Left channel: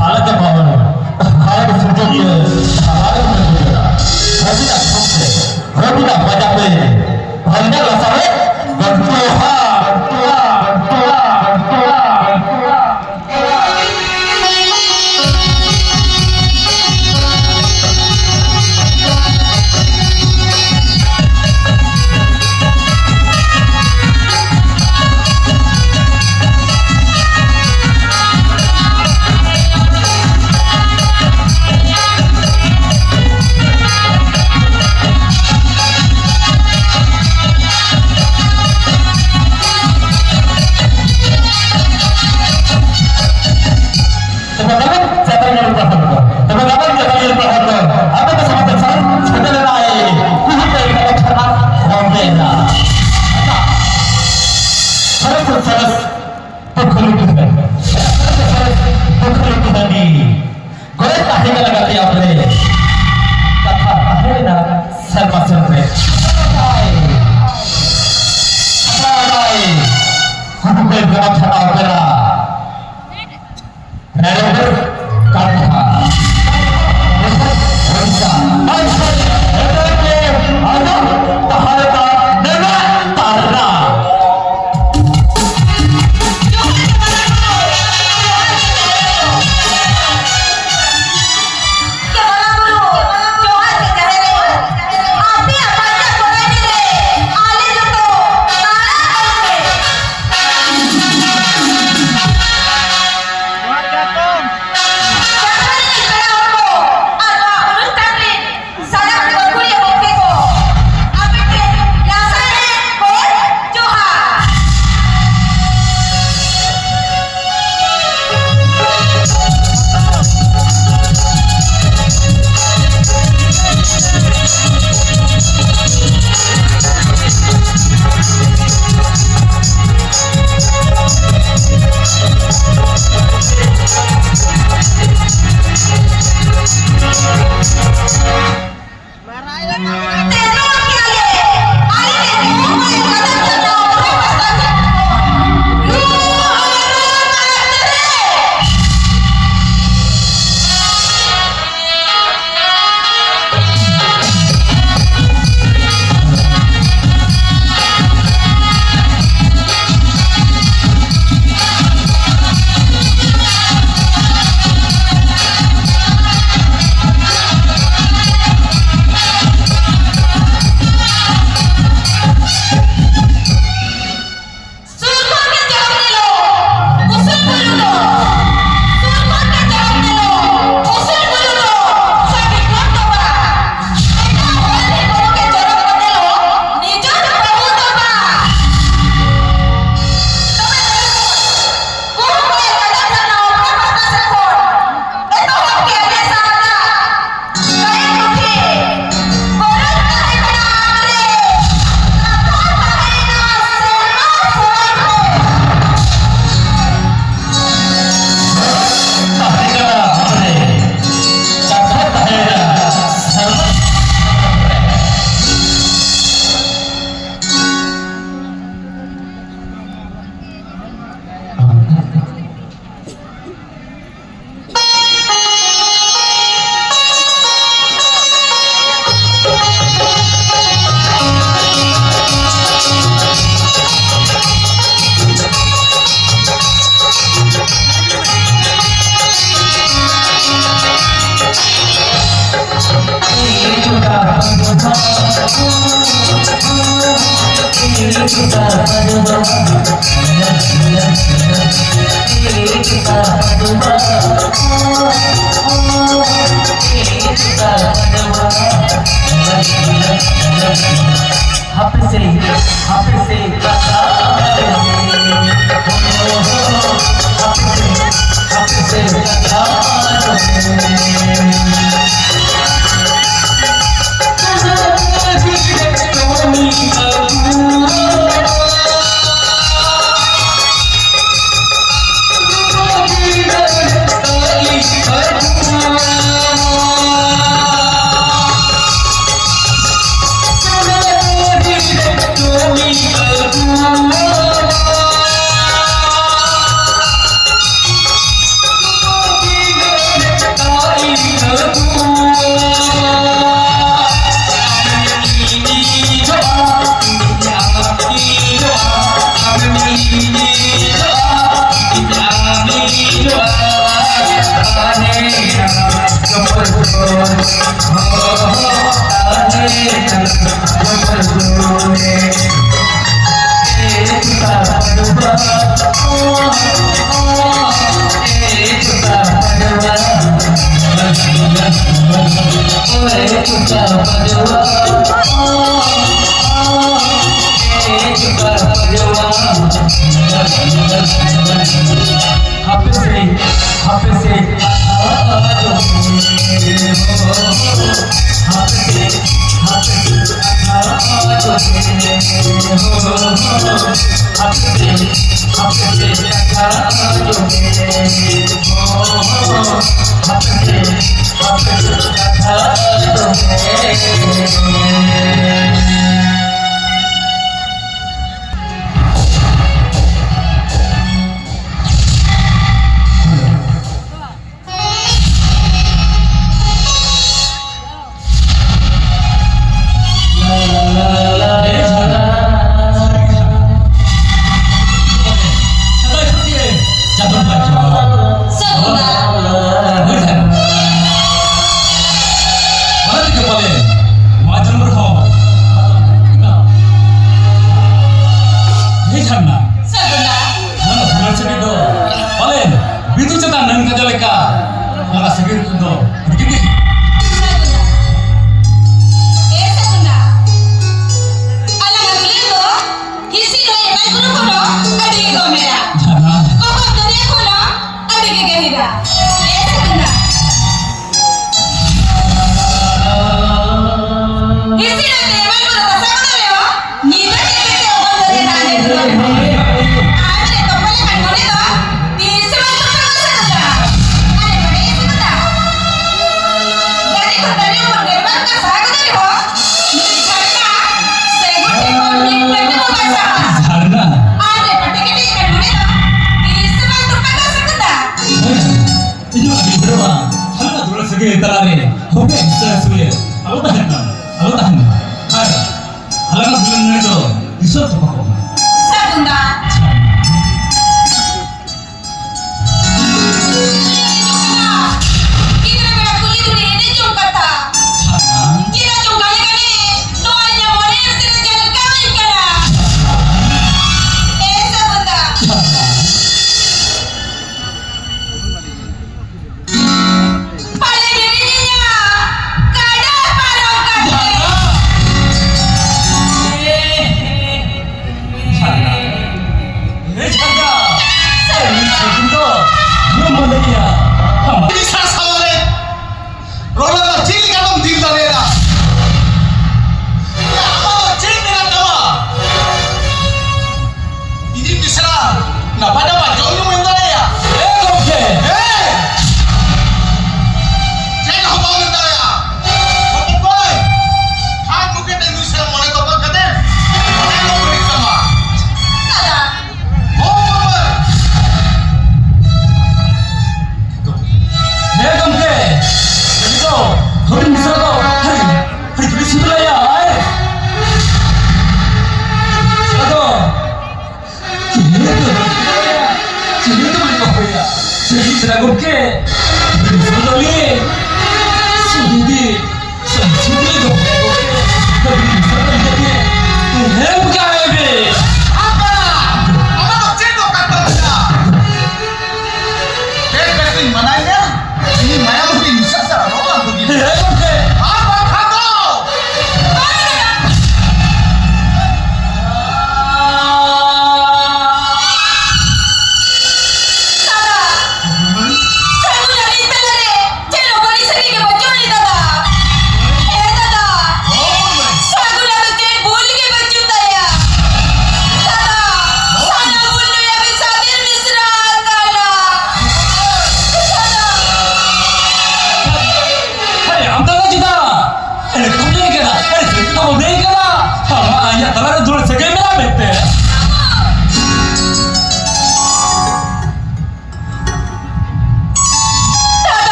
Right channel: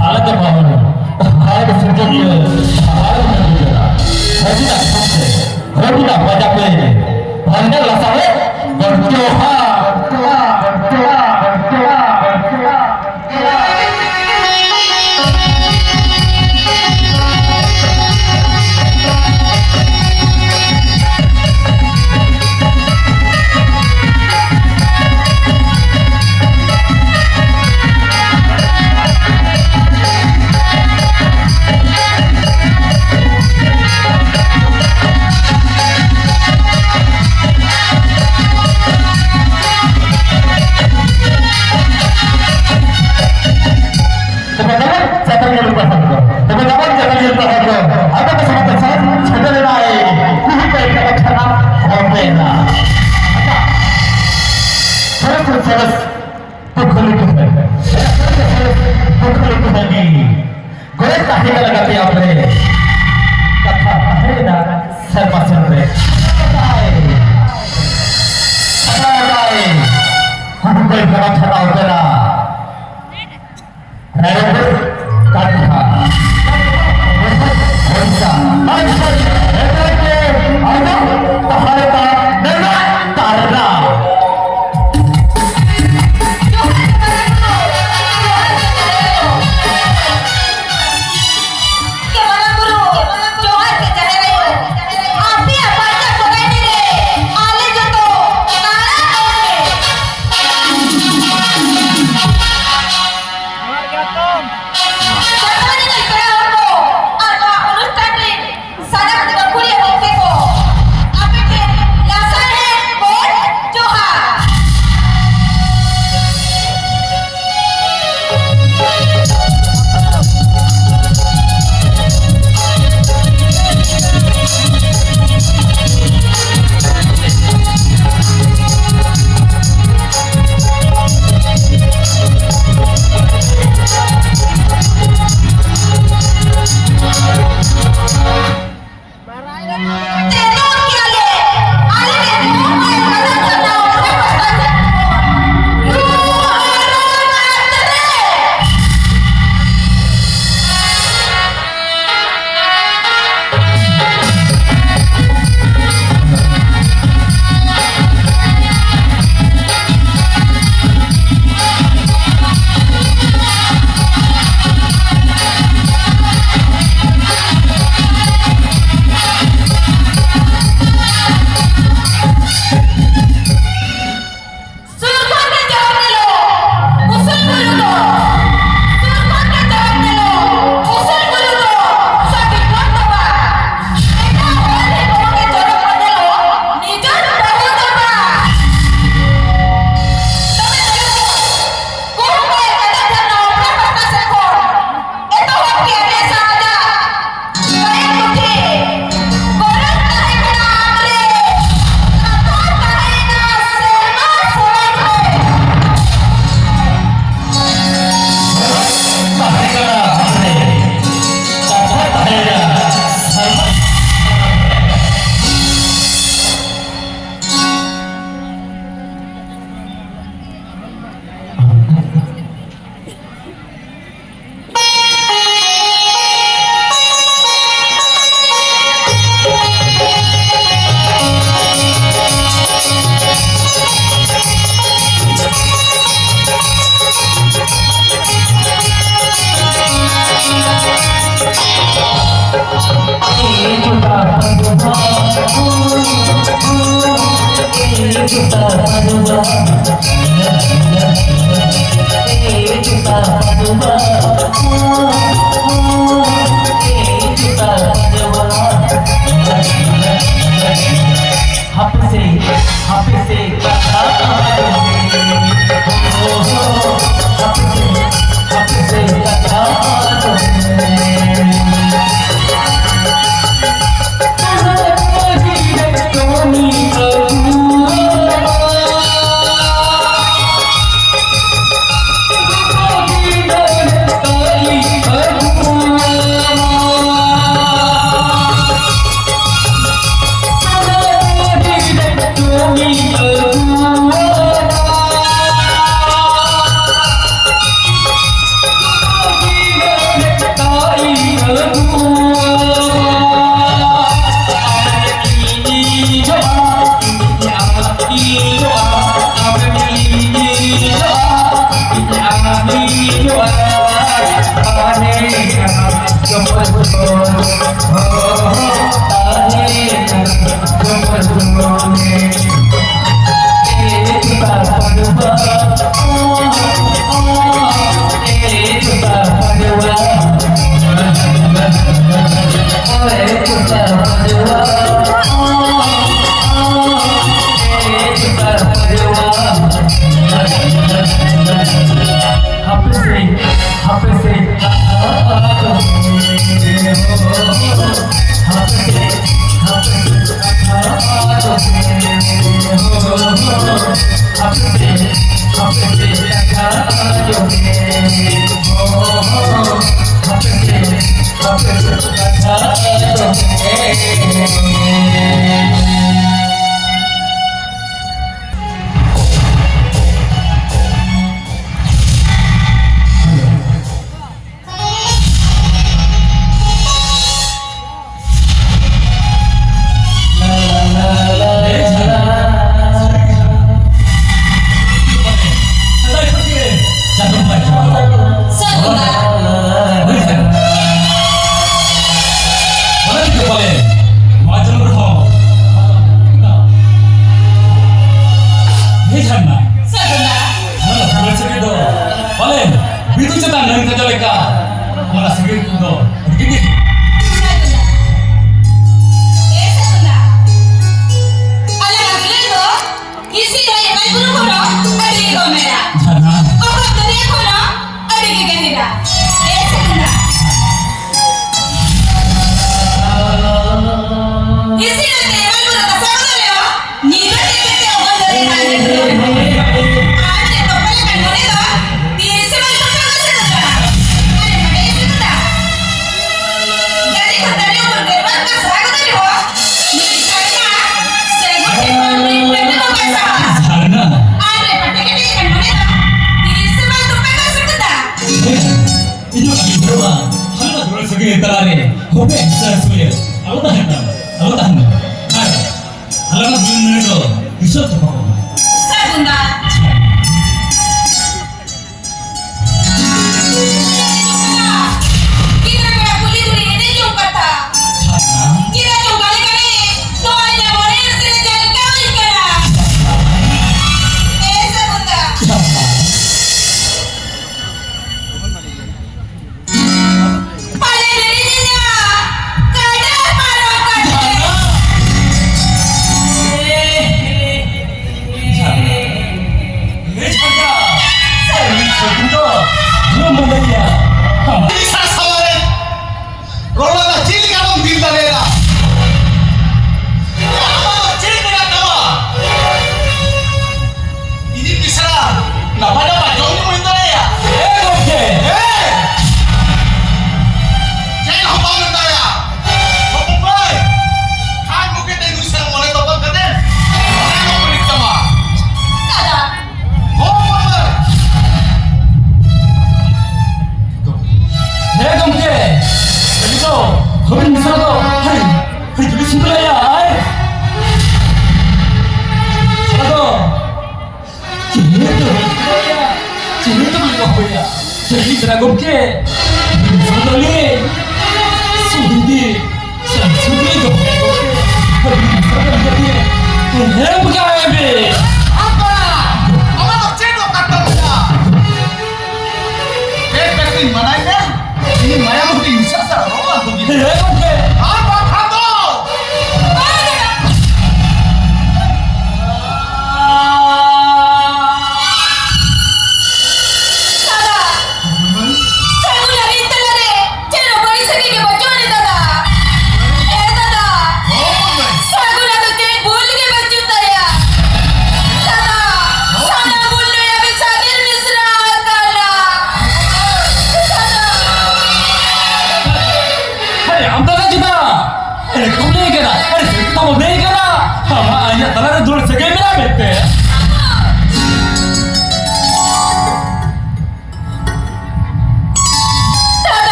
हालत भावना हालत सुजोगे हालत सुजोगा हरदिना समसे हरदिना बजाते हरदिना लसावे बंटोहा बंटोहा बंटोहा बंटोहा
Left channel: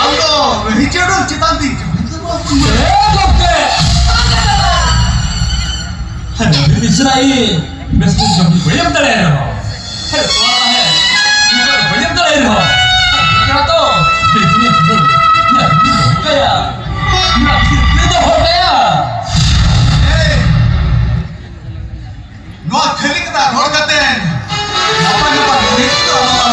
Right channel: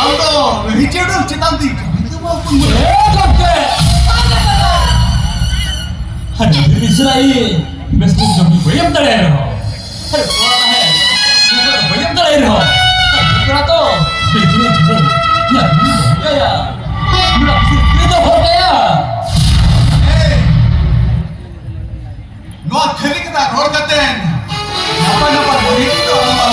Ando, Richard Chitanti, itu mau pun Dokter. Ada Israel. Besok jam bayam terlebih. Hei, tuan lah. Juga bayam terlebih. Kira tu, begini tu. Ya, ini kaya. Ini itu hotel. Hey, no kali kita road katen. Napa ini tu nama.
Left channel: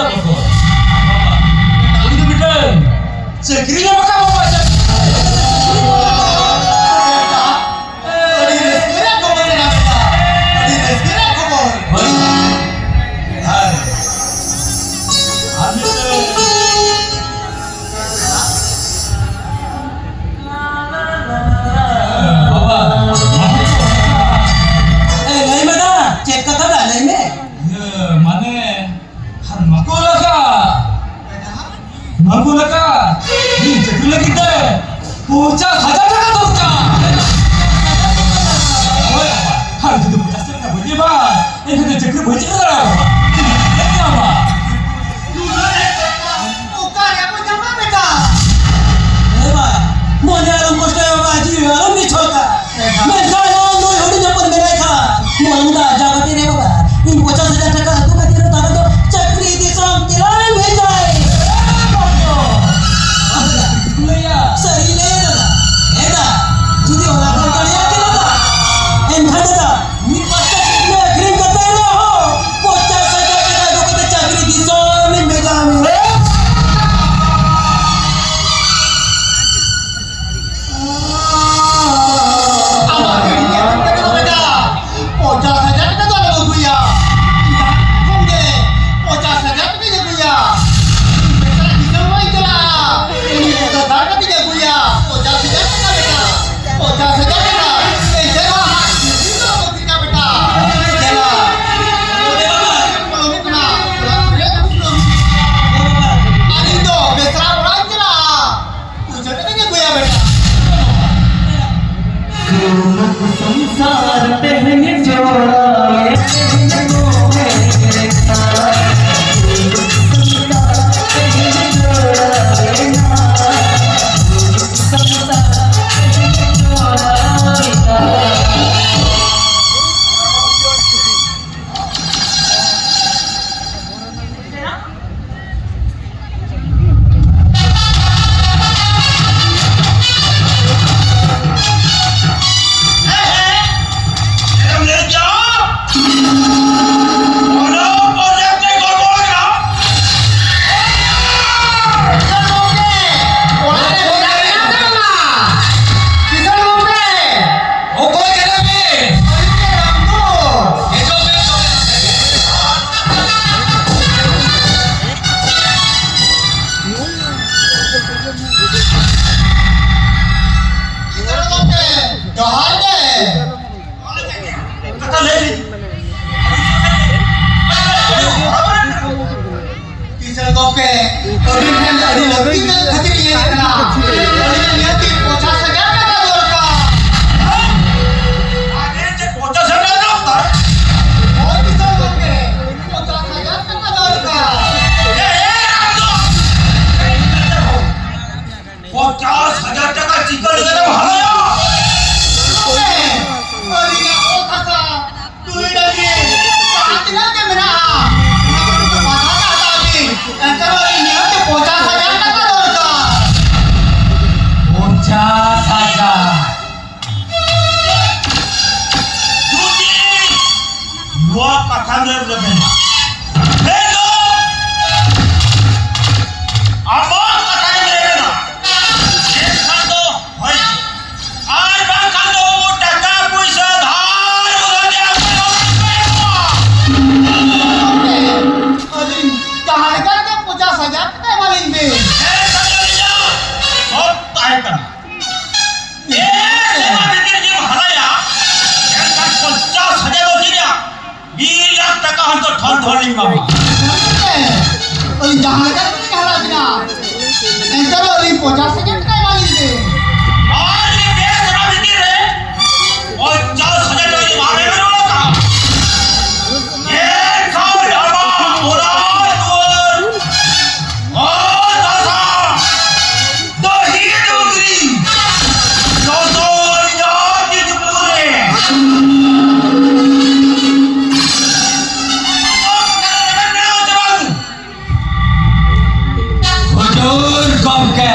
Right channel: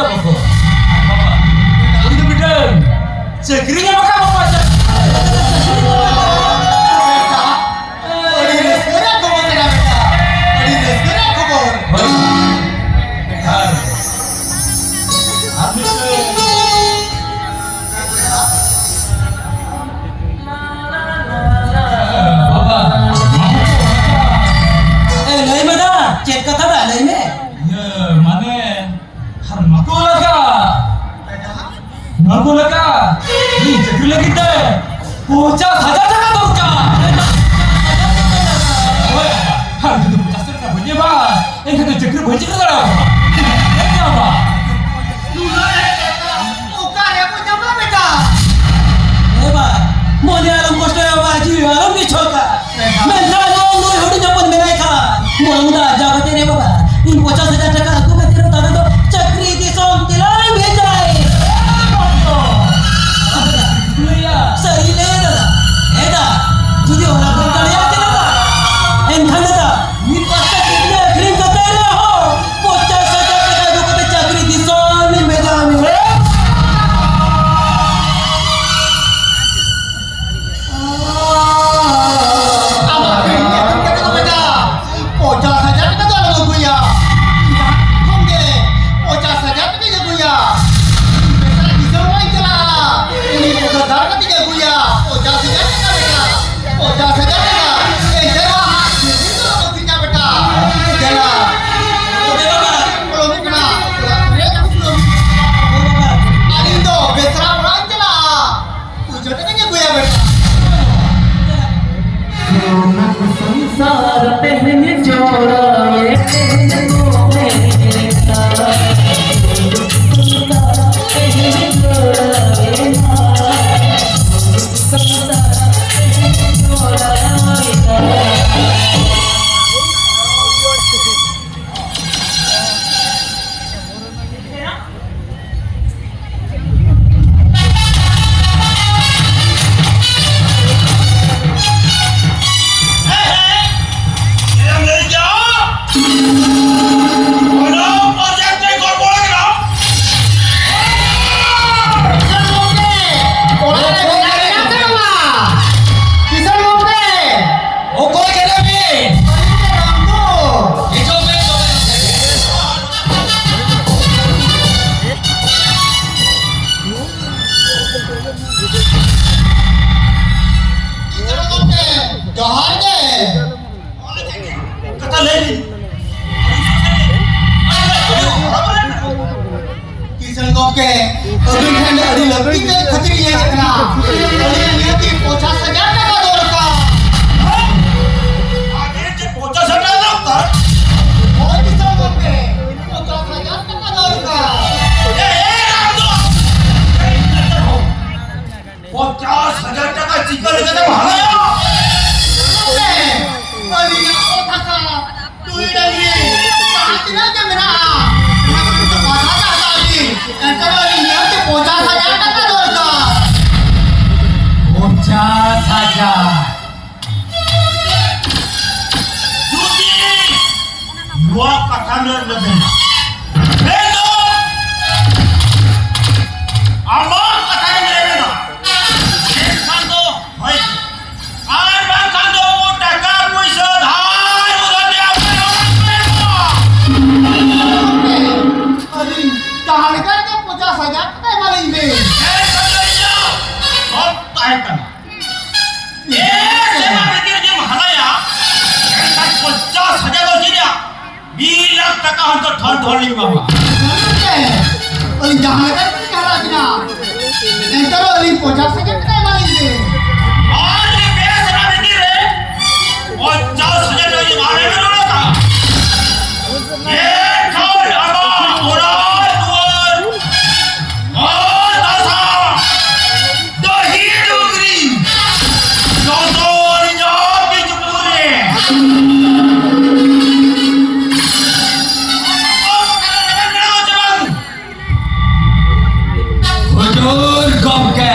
aja pokok. Bapak, itu bidang. Sekirinya apa bapak? Adi segera khobor beda beda. Adi segera khobor. नहीं बता check का था नहीं में Ukar ya punya apa beda? मोने आलम कष्ट बाजी आलम भी छोका मैं जानो नो होड़ी जपन में नहीं खा मोंगा जागते रे बाबा इन 50,000 टका तू का तेरे दादा तो चक्री दी सोम तिलाई भेजाए सही ले दादा एदा जुदी होला कोण कळिया केला का एन खंडता मी पस्ता कितने अग्रिम करता रे हो 50,000 टका दो को चक्री दी सोम में भेजा में Pocah saja kita tu ada guya. Không deh. Pocah saja kita je guya. Besar di semua itu lah. Ini bukan darah kita guya. Pocah saja kita beta. Pocah saja kita. Jangan ini tu logo kita beta. Jangan. Kalau ni kena. Dia tak belum. Ani tu besar orang je lah. Pocah kita je guya beta. संसार पहने जोड़ा ये किसन गोपे अभी है अड़ी लगती में खतरी ये देखना अड़ी ये की 50,000 टका दौड़ का आगे से 50,000 दौड़ और किसन गोपे 50,000 टका दौड़ का ये राम दो 50,000 टका चिकन लेकर भागा अड़ी ना ओ था तू ही डालिए साथ ना के मेरा Antara ini ada 50,000 टका दौड़का 50,000 Judi dua kata lebih. Hello, abang kata lebih. Kando, hoi. Abang kando taka puisa dhar udah dia अरे कहाँ लेकर के 50,000 टका मालिक दे सब ताहे kan. Saya pikir dia mahala ya. Kan 50,000 loh dia. 2 lakh टका हम तो ठन ठोलिंग बाबा. अरे जहाँ लेकर के कहाँ लाजना एंटर अरे 50,000 टका मालिक दे और ये बेसरा बिकी रे 50,000 लोग ये मारे में रोला था ये खाओ लामा ओरा दुआर और दसा दही डुगरी दोस्तों याद की चुपूरे Hujur Gomke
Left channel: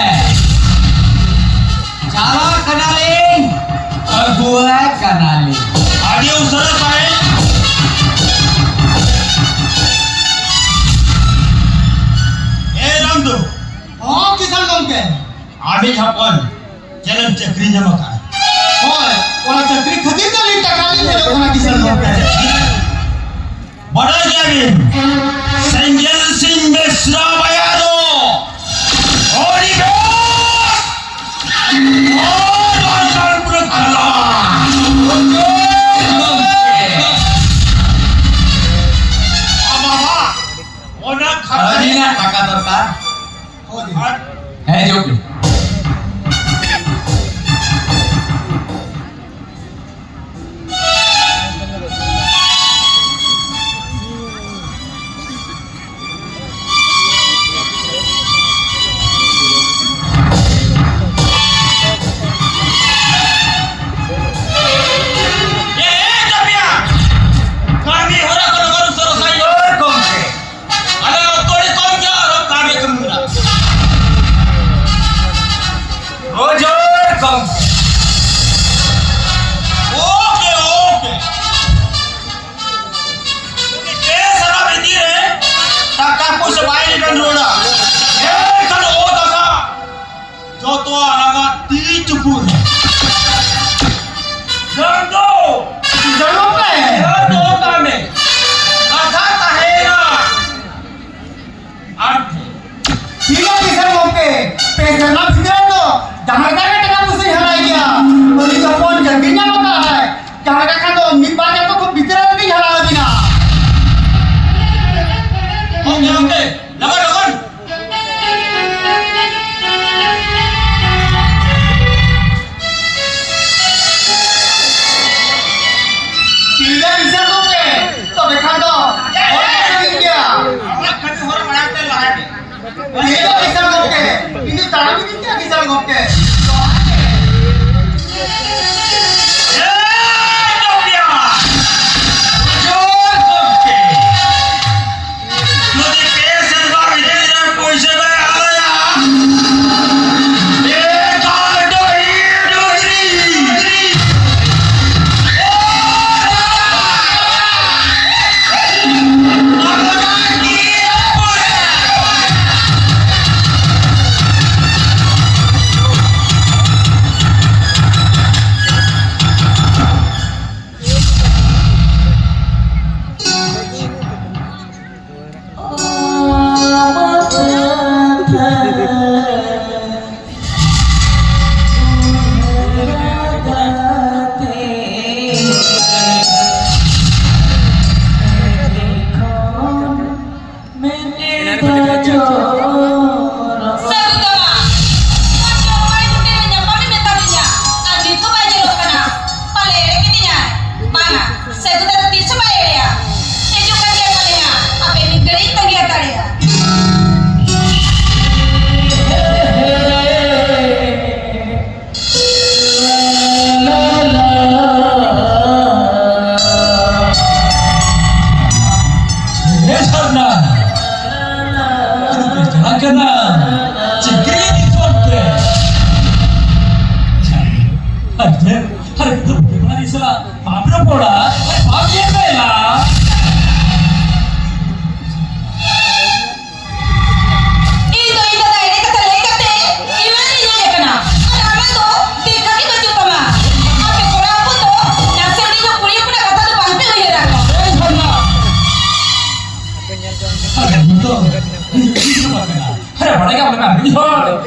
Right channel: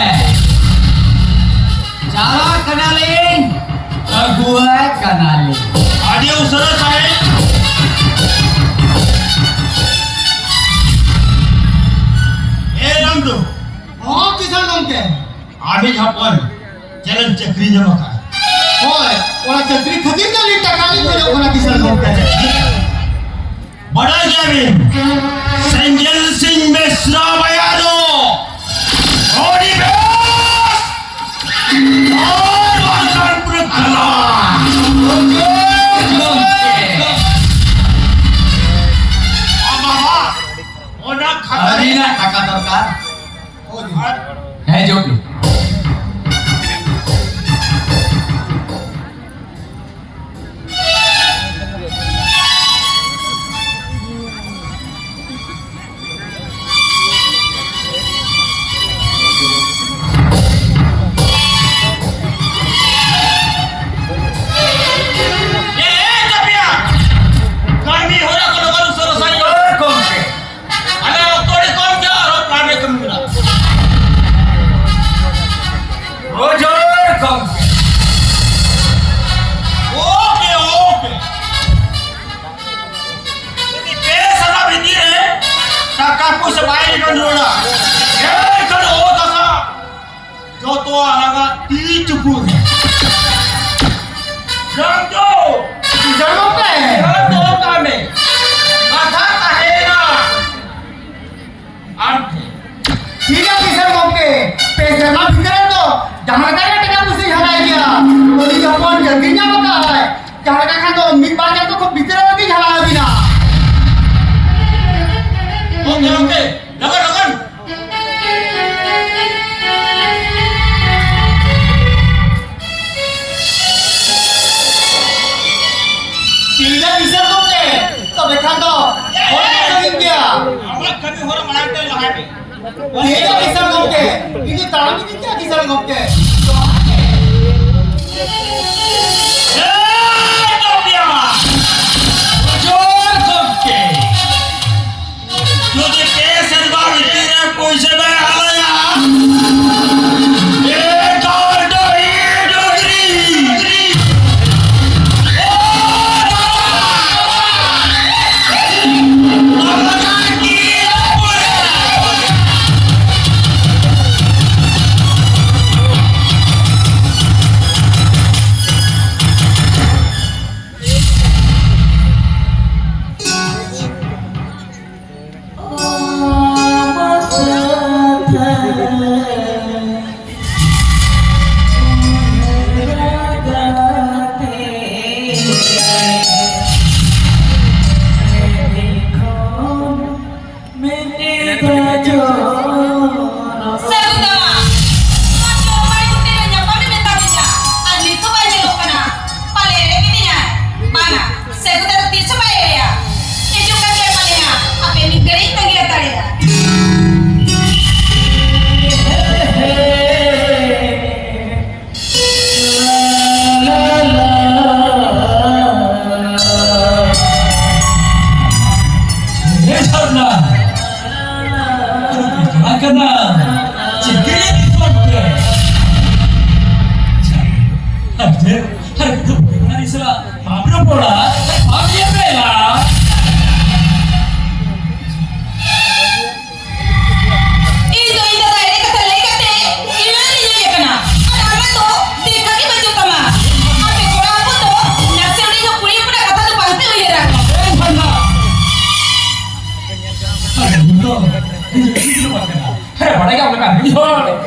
Cara kenalin Gue kenalin आदि उसरत आहे Kami hapon jalan cekri makan. Hoy, orang cekri khadir kali takali bejok kana kisal gomke. Bada Gavin, Senjel Singh Mesra Bayado, Ori Bes, Bahkan Berkala. Mama, onak Hari khatri. na taka dorkar. Hoy. Joki. Tapi kami orang kalau selesai Gomke. ada otori kom ja aro kami kemuna. Ojor gomke. Oke. Ini salah berdiri. Kakakku sebaik dan roda. Kalau dasa, jodoh anak dijebur. Jangan Kisal gomke. Jodoh kami. Kata tahena. Ante. Tiga kisal gomke. Peser na bidra to. Jamar ka taka musi halai dia. Ori kapon jadinya maka hai. Jamar ka kando mitba ja to khub bidra lagi halai bina. Oke. Lagan. Tiga kisal gomke. To bekhando. Orang khadir dia. Amat kami orang mana lahan. Tiga kisal gomke. Ini tarami tiga kisal gomke. Ojor gomke. Jadi kesan bawa berdiri puisi bayar. Hari itu bukan istilah mabrur pola, pagi bela. Hari apa lagi orang kan?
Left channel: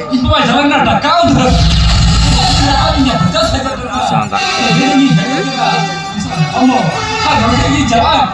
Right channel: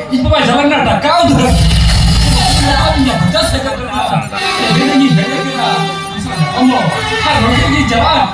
Ibu baca jalan nada kau tu. Ọmọ, hari ini jalan.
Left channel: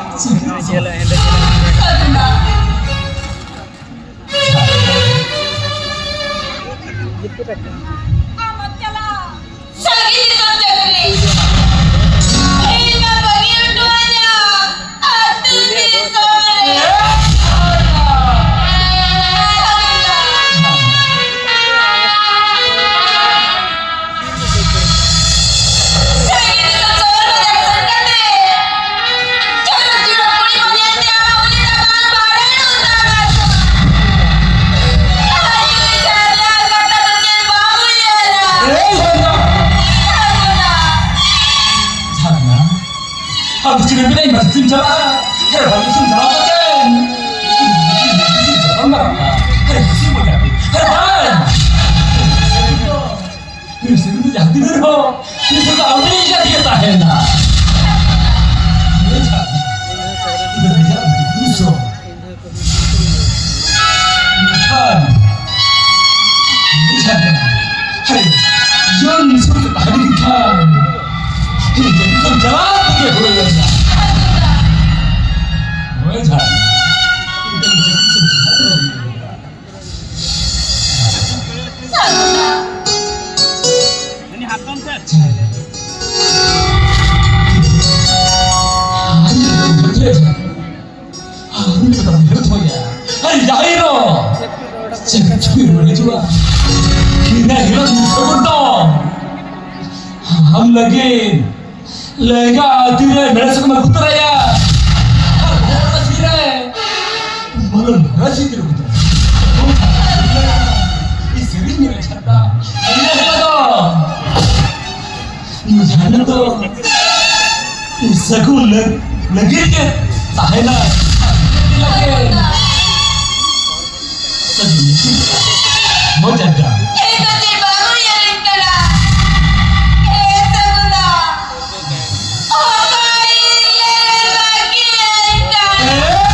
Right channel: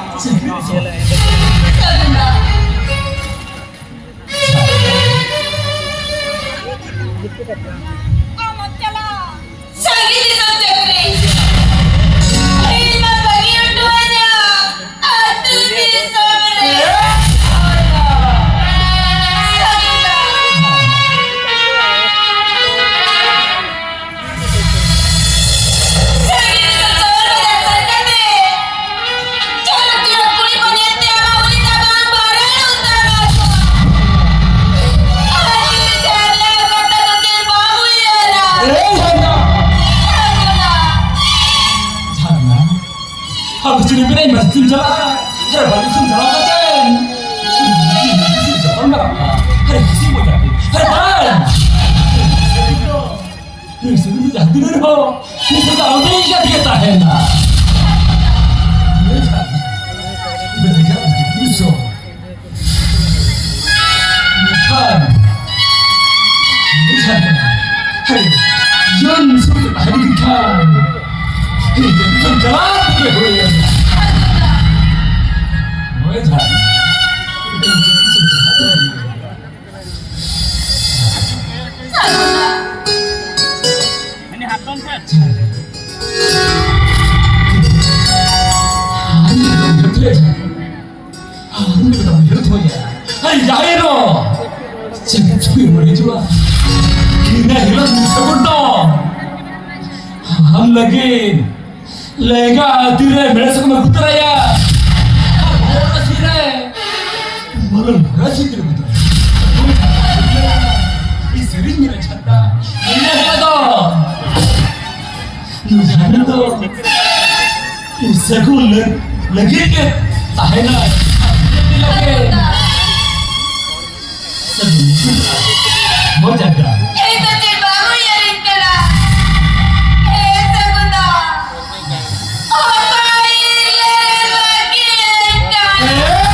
Aku cuma bilang masih jalan, jangan balik jalan kan? Jalan apa? Hari ini mau jadi, hari apa? hadirin ho, itu tak ingat kita hendak. Lihat, itu lihat bisa. Lihat, lihat, hai, yang sudah hadirin kan, ini jadi penjalan ke hujan. Lihat, itu jadi penjalan. Sagunda. Ini hapon sir. 아니 너 어떻게 아 근데 나 왜 이러냐 아니 야이로 진짜 조용을 해줘봐 그냥 이런 세번도 हम लगे लेगा तेरे मेरे से मैं कुतरा या बोला सीरा है मला लगा सीरा कुतरा इस सीरीज में छत्ता ये है तो ये जाने तो सगुन लगे के ताहेना लगे सगुन मजा दा Ito si Bago yarin ka na. Sagunda. Kain lagi ka. Sagunda.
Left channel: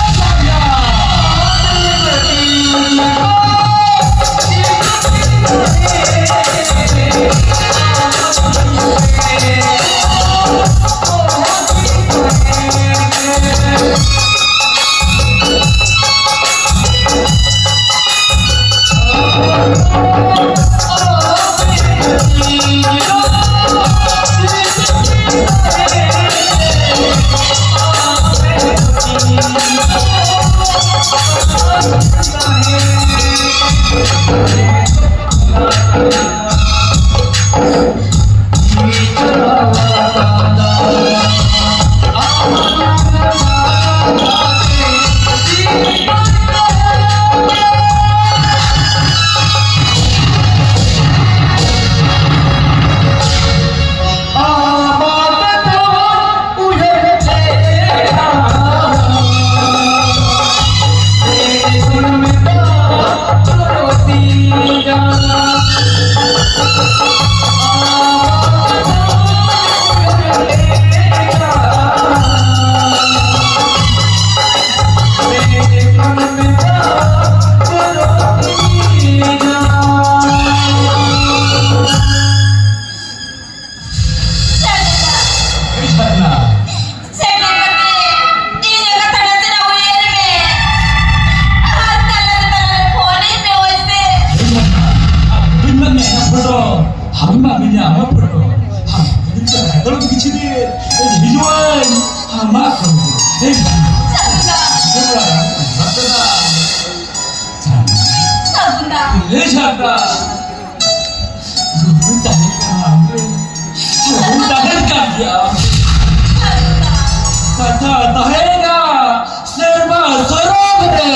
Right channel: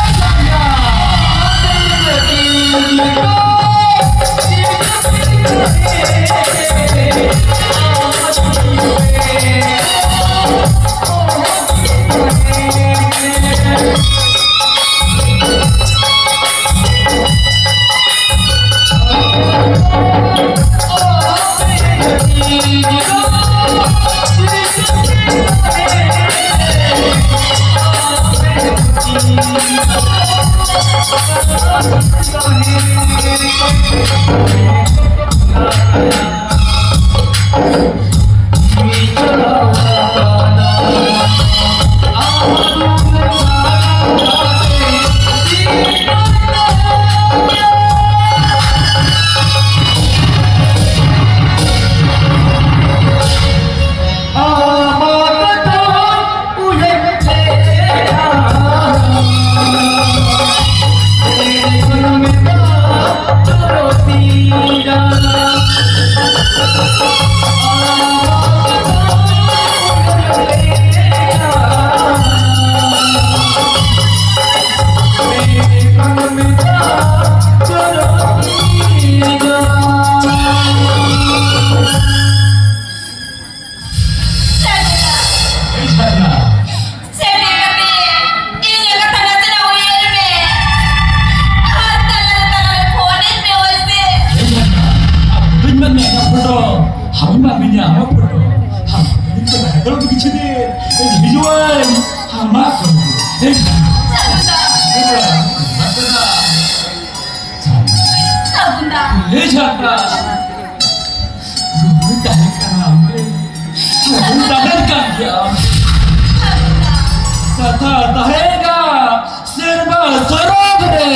serba sorogre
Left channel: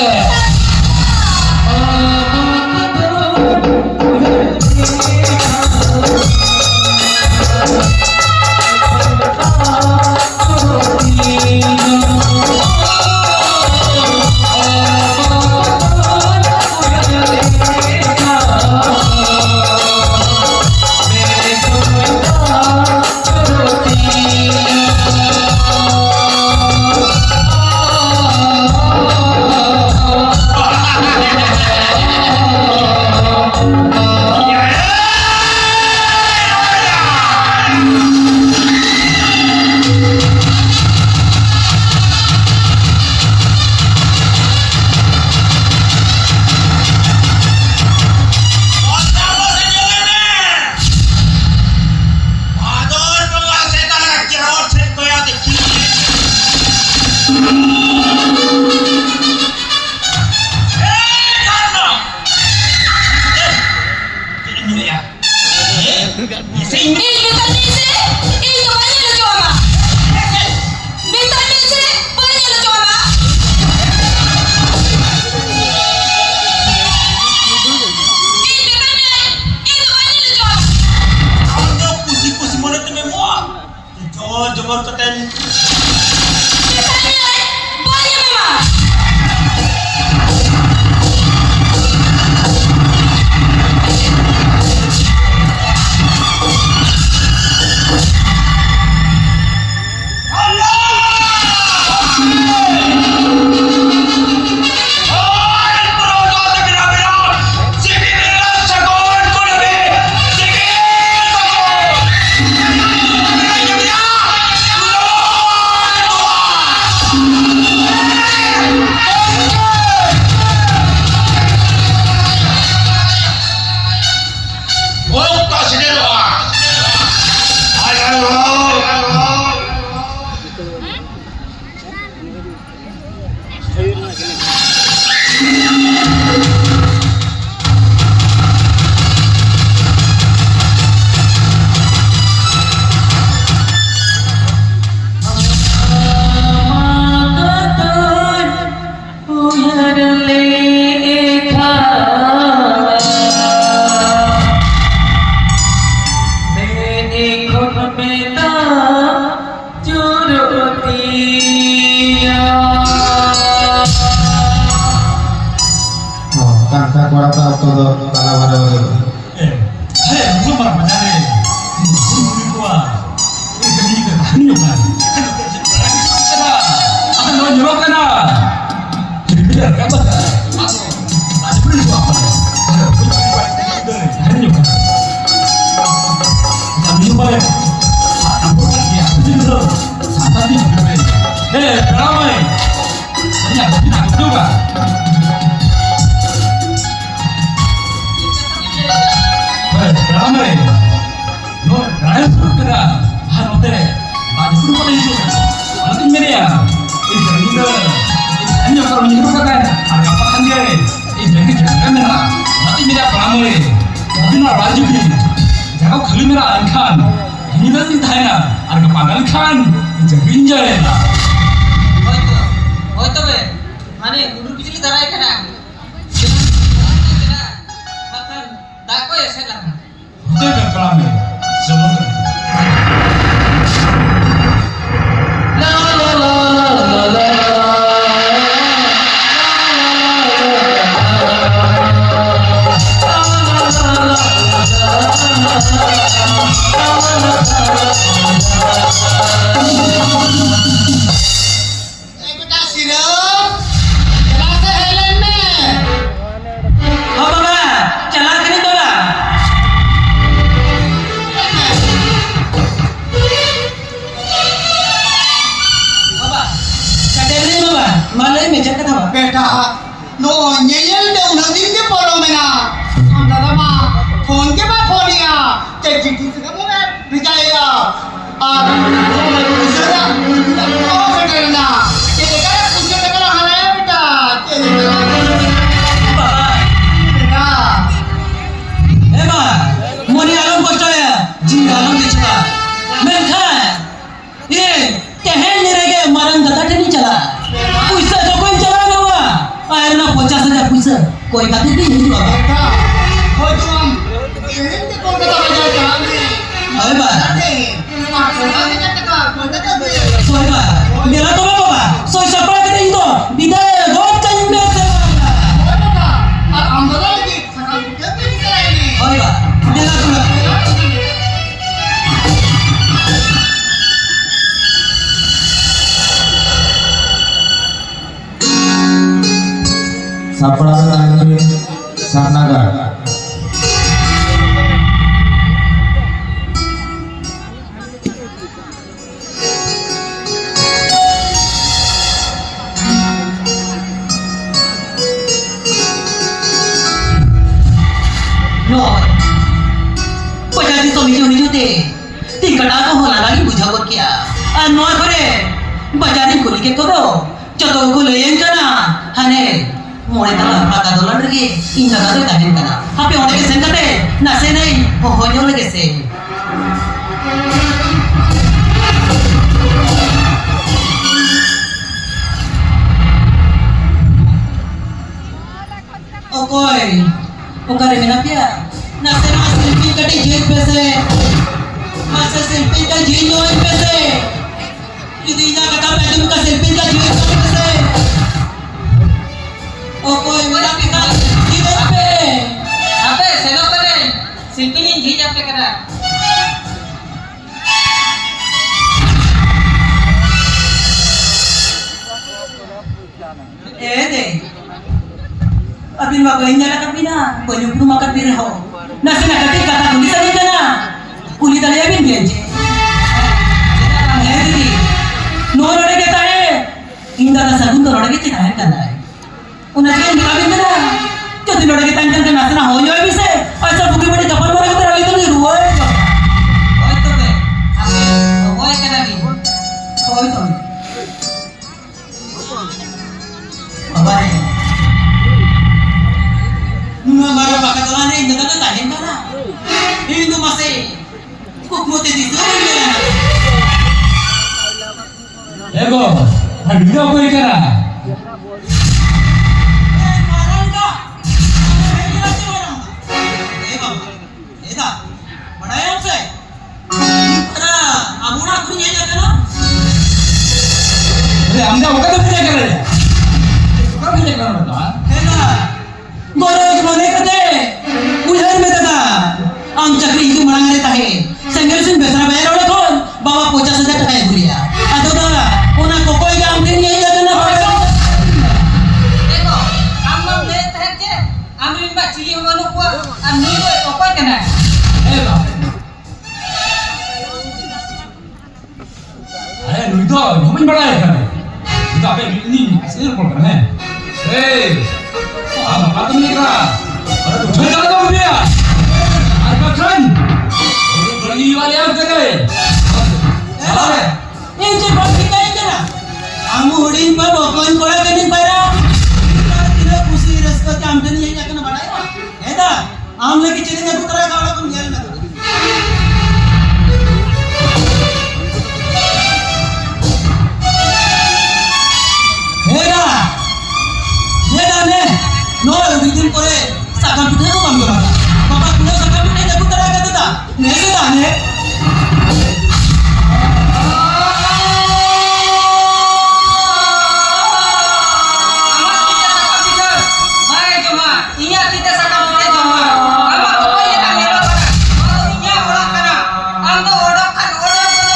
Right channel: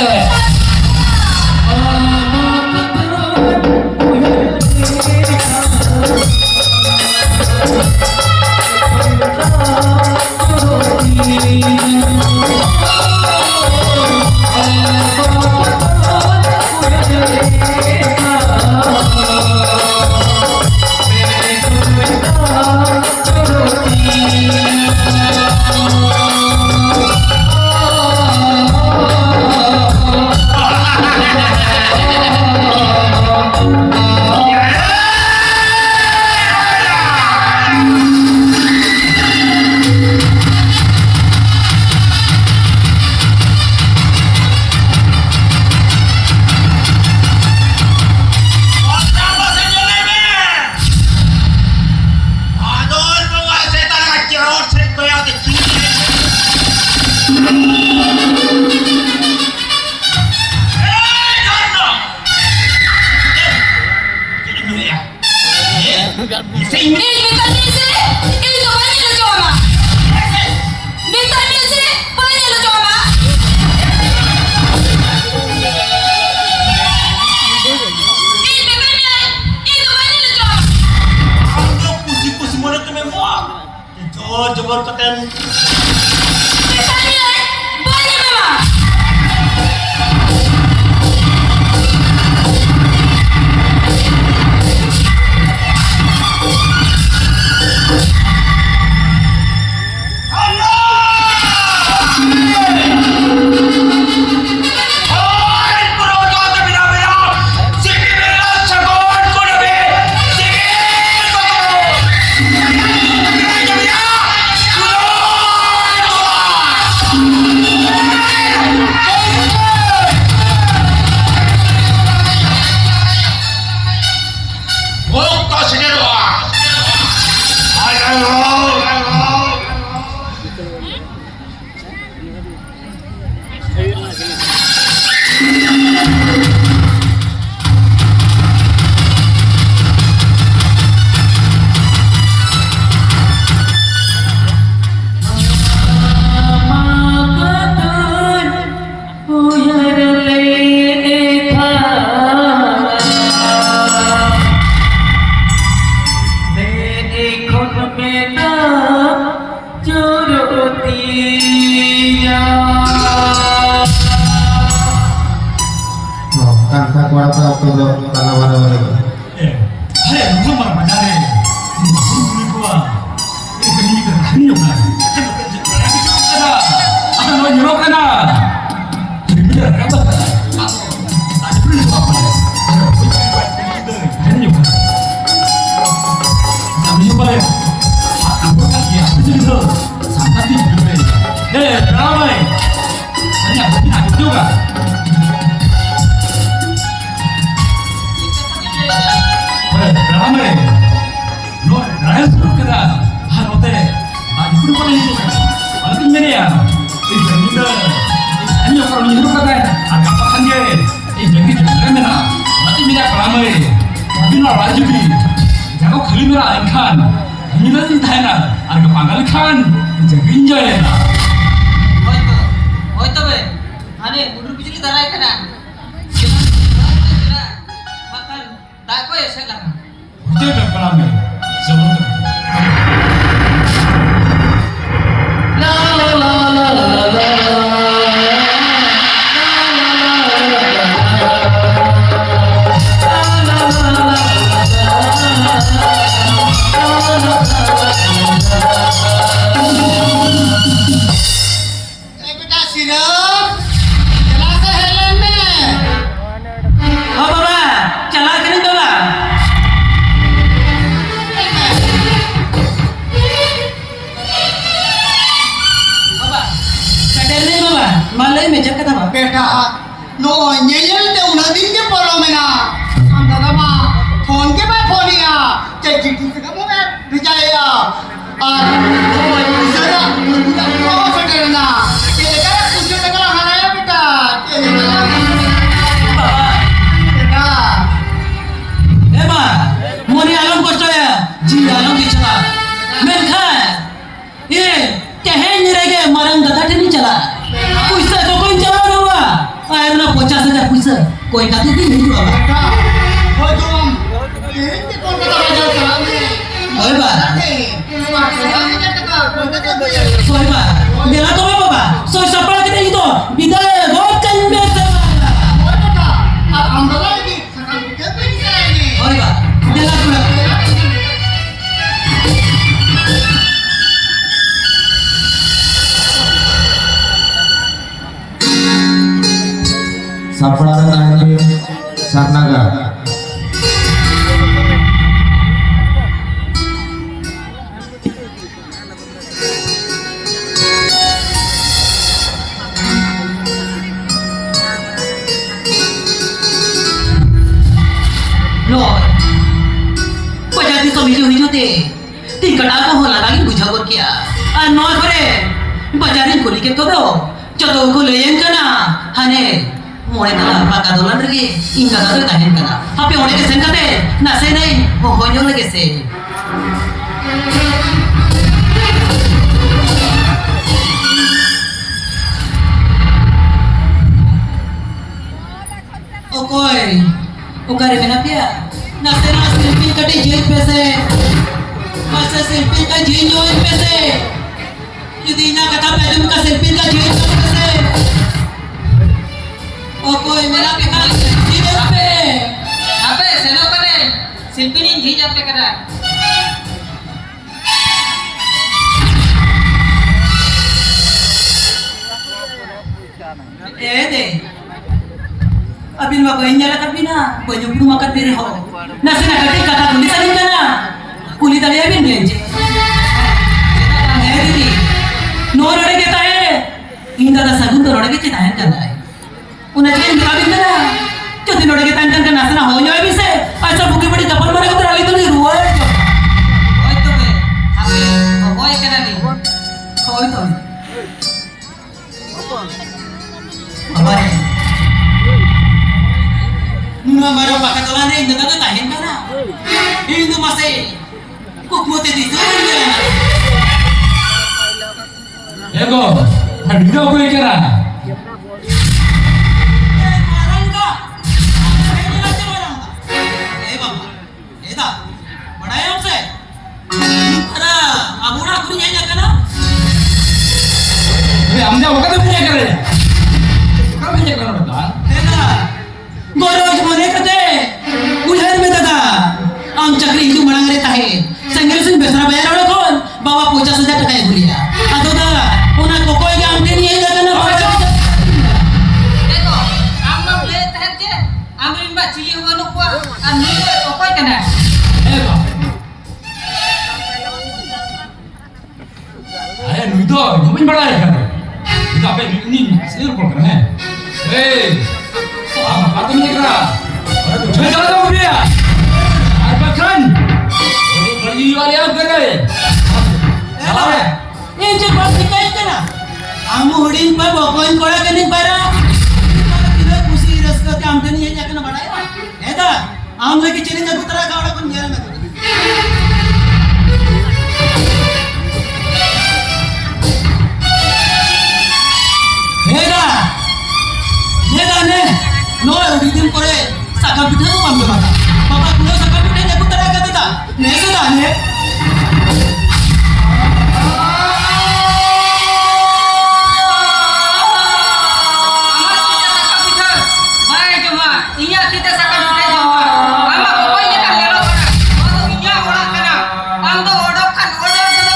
ಕೊಡಪ ಹಾಕೋದು ತನ ಬರೋದು 예, 하래 무슨 말 만나네. 우리 거와 이거 이거 나는 요가. 아까 너 유럽가나. 그래 내가 봤다. 아도 나한테 불릴 거 아빠네. 나는 요가. 자 무슨 말해? 안 볼까? 야, 그래서 사탄이 그래. 네, 드라마에 아니야, 그냥 안 좋가. Ramai, no, raya suruh kena, note, baju pun boleh itu, malah tinggal ya, ini dah, ini orang ni hidup kata, ada apa kan dia, jadi jangan mana, malah tinggal ramai, tapi nak baju ni, jangan kali mera ikan, ini dah cinta na, ada kepangal ikan, jadi enjoy na. হয়তো বে মানে মুডুর বিজলি দাঁড়ায় কেনা বাকাল দাকো এসে লাগা Betul kan ramai, semua tu. बेटा Serum चला से Helen में ও বাবা চালা কেন তোলা বাবা কাটেলে বাবা মালাই মে জক্কা দাবা बेटा नो nyeyel de una din ke poro mena हम दादा मा फोन के बाद फोनिया ते चिट्ठी से कम में भिजाया और नो इजरा मुर्दा को सटरना ये देखा कुछ टका हराया बेटा ये বাবা बेटा এবা মনি আলম কষ্টে জি আলম দিছলা মেনখান ये कहे निरेगे मरन दता नहीं चला पैसा तो कोई चला गवा आयर ना 50,000 पैसा कोई का नहीं नहीं बाबा बेटा हो तो हम ये के कौन का बजा था अरे बा अरे मार के टका कोई का सोई बा मेला तो बाबा सोई सपड़ा के नहीं तो बिदाय बहुत कन में से ओ बेटा और हम दादा की सकल के भी कराएंगे अरे बा मेला तो sapra nanti sarnaga no pajak di somi jo hijo te tingkat aku hola lagi buja gor kia no करे bajarin kuli ke todo joto ko leyen kana hane More तला पाका दोलन रगे इंगा का तो दाहिन कना हापे होने के संकटे नसे नहीं हो यो लगे से ओ कोई ओ करे में ना पिया नसे ना सेल्फी कटे जेल पे से नसे सेल्फी का जेल जो है पे से यदि ना कटा पैदम का सेल्फी का जेल पे से ओ कोई मेरा बिहार जीत पे अबे सेलो करे शिल्पी ने जी जा पे करा दे अभी मा कोई नहीं लगा बिना कोई ऊपर मकर तेरे हो ना से ना कटे कथा पुलिस आ गई ना पुलिस आ गई भी नहीं है दीदी नो रड़े के ताए इंदा दा सगुन तो रड़े के ताए करना है उन्हें मेरा भी ना जो दिन लड़के तंग करके नाचना हो जाए भी से ऐसा भूखे बड़ी कपल मारे को तरह तो नहीं रुआ है ओए तो बे हमें ओए केना दी ओए तो बाबा रे नुना मारो pakatalan रे इंदा तो ताहिन करा इंदु मासे कुक मोते दी तो मेरा Ego, harga apa yang kena? Amda, apa tu punya kerja? Kau punya kerja apa? गरज मने कते उधर में दादा आम चक्री हिंदू मनांगरे ताहे संगल सुन बेसरा bayar orang kon bawa 50,000 টাকা গুলিয়া আদো দাদা ওনা কোকই গে আমতে নিয়ে যাতে না देखो हम ले तहन के आमरिन बा चिली हमनो को आ नी को कोई कना अरे नुई तो नमन बड़ा है kan kita apa ini asli pun kan hey apa tuh nih kira ada tuh jangan jangan kamu dia apa kan beli wali yang gede salah ya এই যে বাপ কিতাই কেনা আমু হডিং পা বকইন কোড়া কেনিন পায়রা তিলে খুশি রসকতে আমতে নিয়ে যাতে না বাড়ায় এদা আম লাগি চিনি না কুতরা গাওড়া কোন গেল না হেদা হেদা নে নো উদিন করে সাকা পিঠা তো বাম বাবা বাবা কুলো সাকা পিঠা না কুতরা কা দাদা নে সেদা নে Iya kita sakam kita jomba. Ama koi ni kan lelo kana. Ado iya orang kana. Ando odok kan odok kono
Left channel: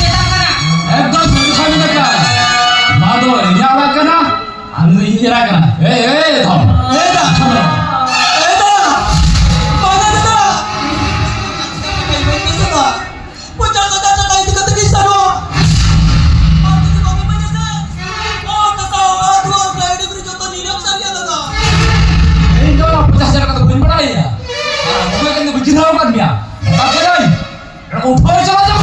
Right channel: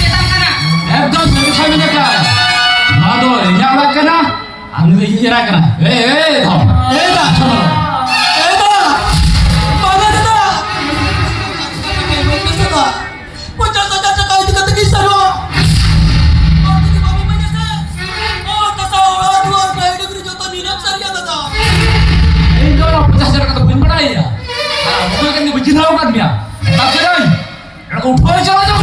beta kana. একদম বেশামি না কা মাদো ইয়া রাখনা আমি ইয়া রাখনা এই ধম এদা এদা বাবা দাদা দাদা 50,000 টাকা itu kata kisah doa aku di bawah banyak sah oh tasawa dua kali negeri joto nilai saria dadah এই তো 50,000 টাকা বইন বড়াই আর আমি কেন বুঝিরাও কাট মিয়া তাকে নাই এরকম উপরে চলা যাও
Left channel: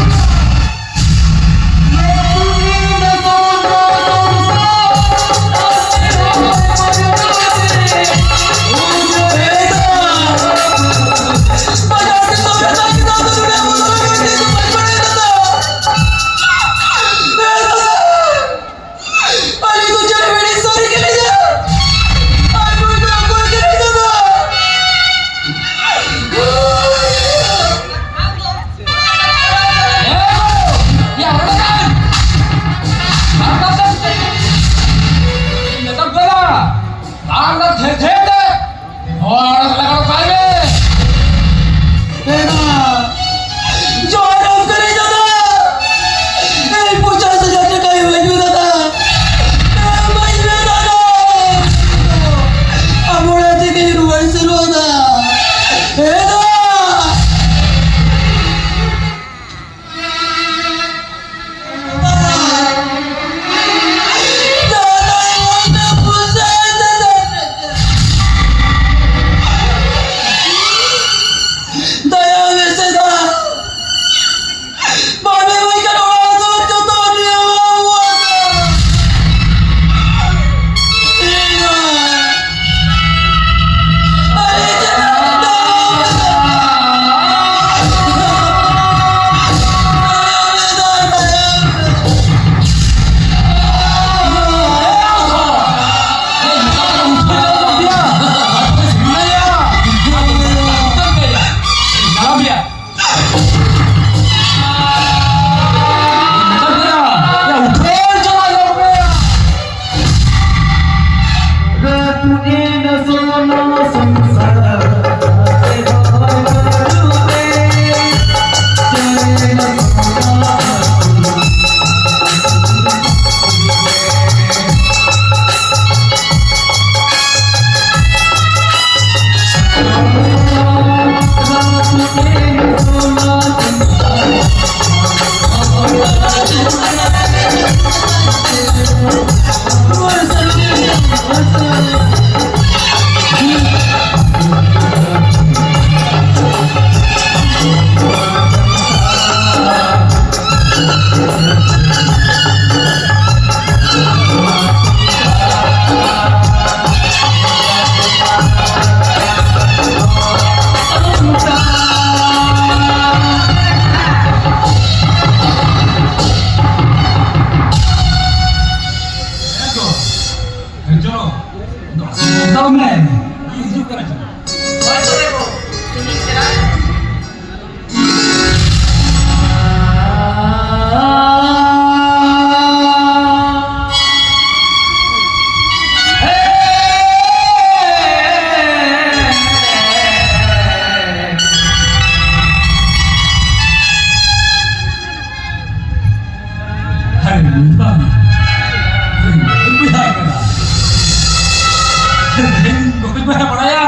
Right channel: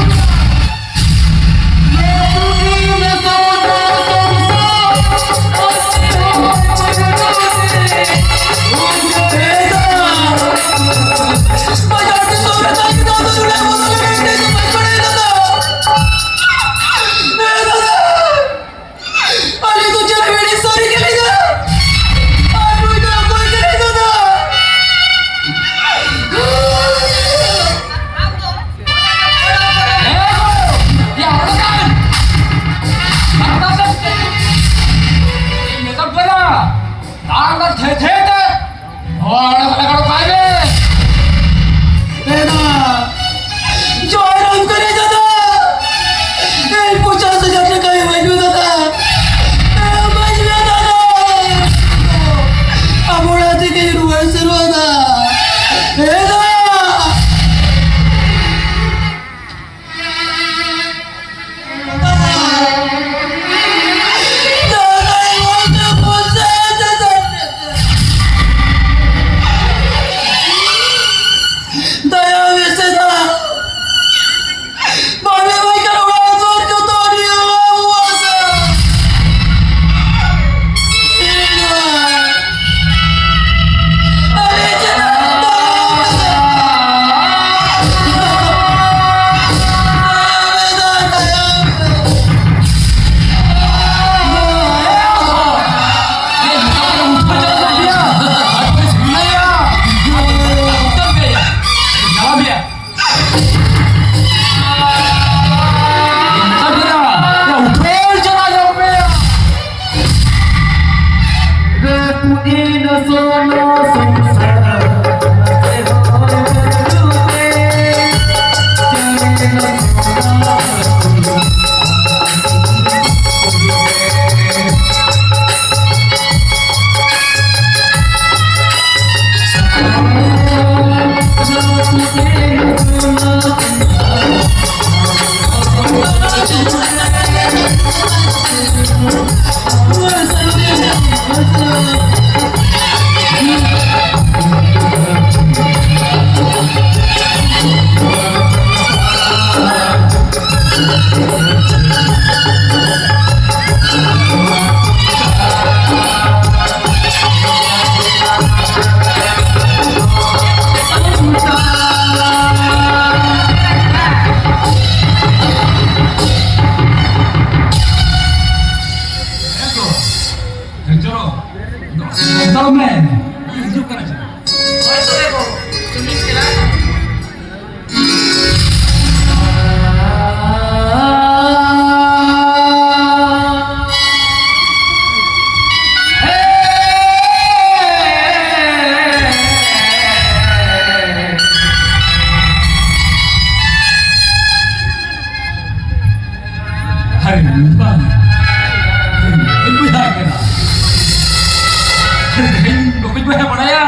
Bukan gue yang ya.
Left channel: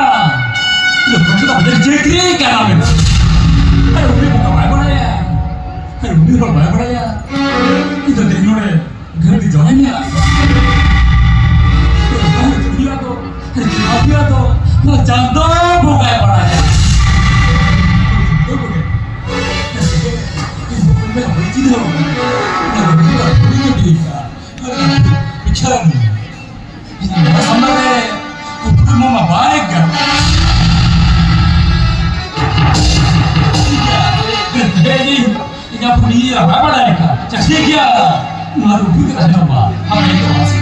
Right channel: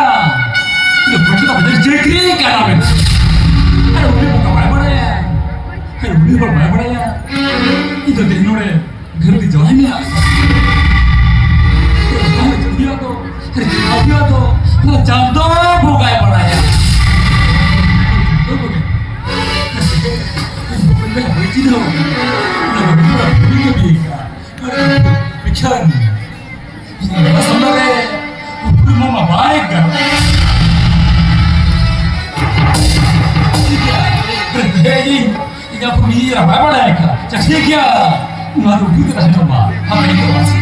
Itu bukan kita menjadi jekri kan amin. Ayo udah buka mana ya? Ayo udah buka mana ya? Itu tekno deh. घर di Jawa ini ya. Kamu itu dia tuh. Hari dia tuh. Nah jangan buka mana ya? Tuh bukan. Bukan gue yang beri cino. Nah bukan gue beri dia. Pikiran. Ini sama kayak udah mama baik kan? Ini apa nih? Apa mereka? Jadi dia ngaruh gitu kan coba? Apa itu masih?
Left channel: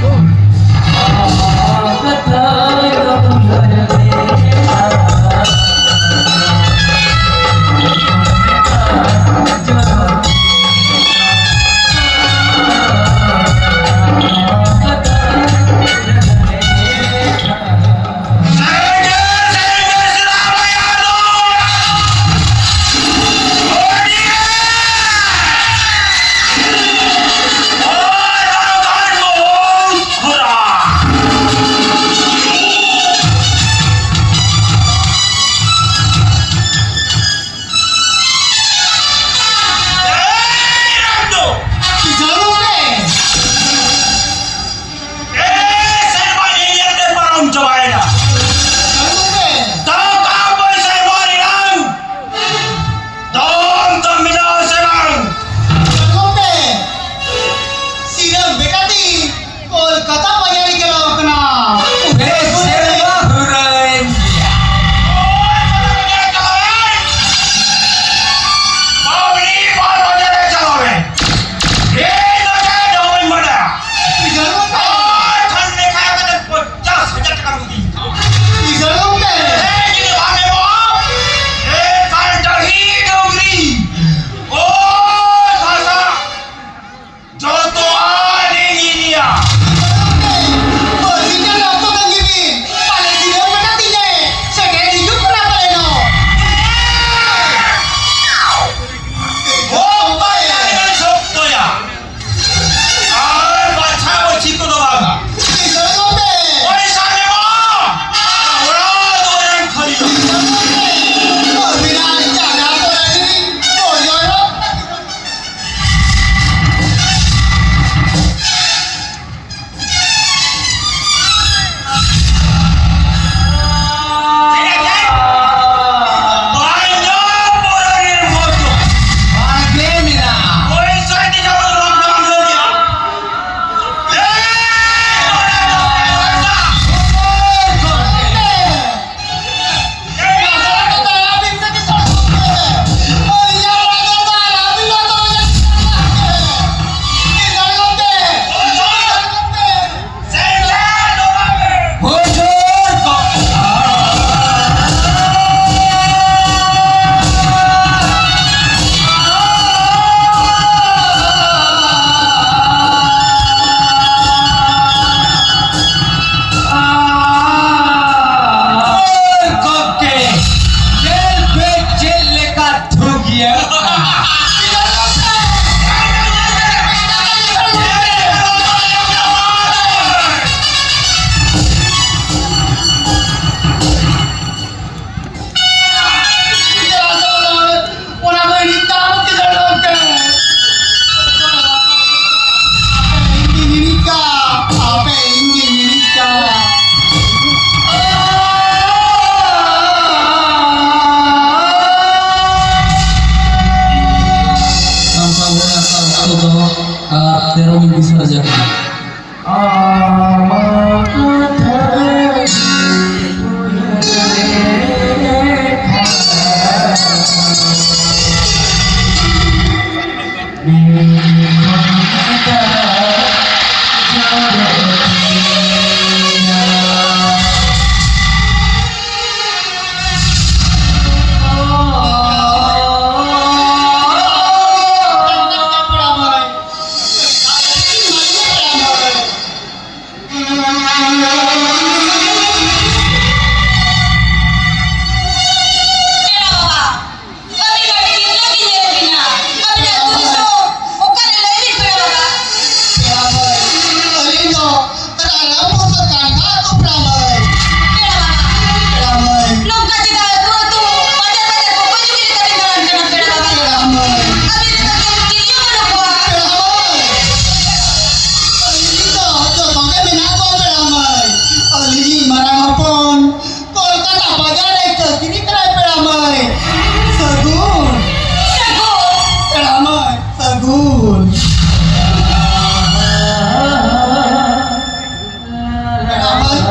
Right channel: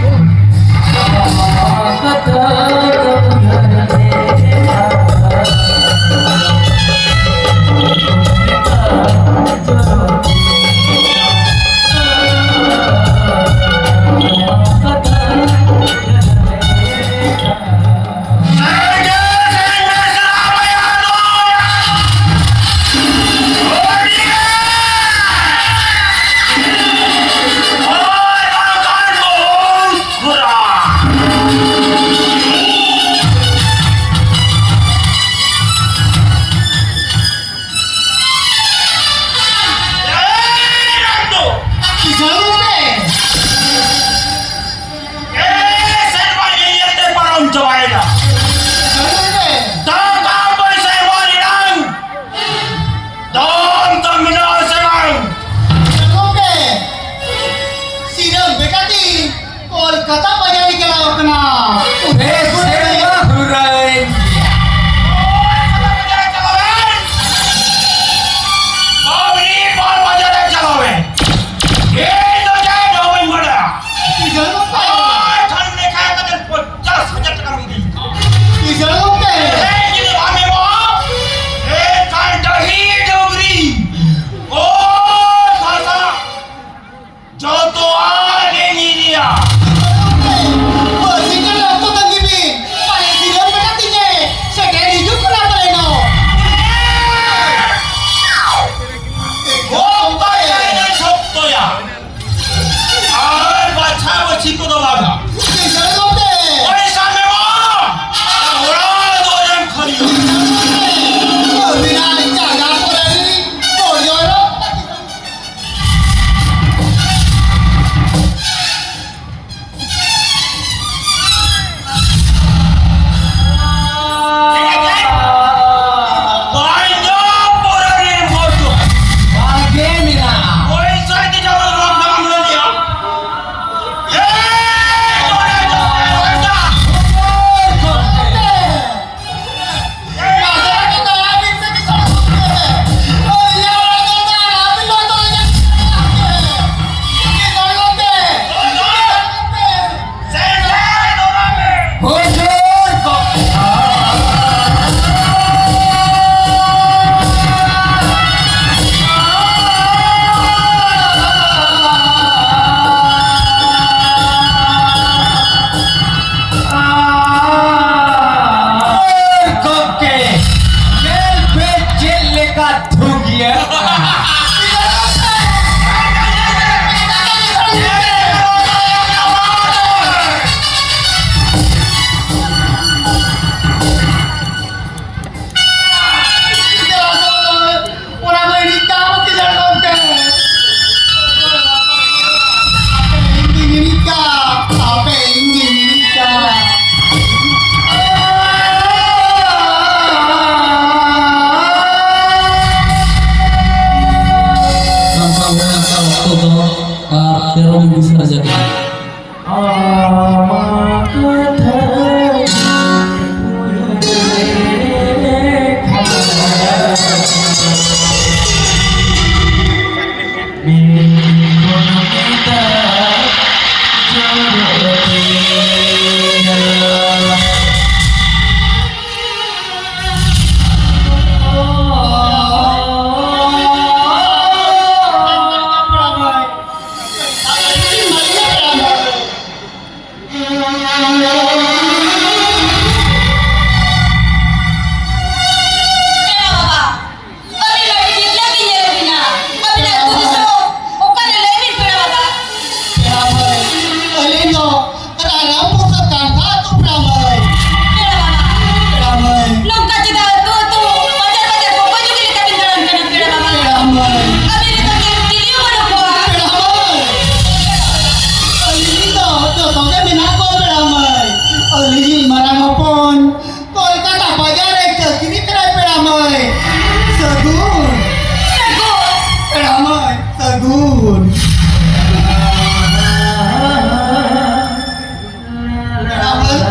Pero minggu saja.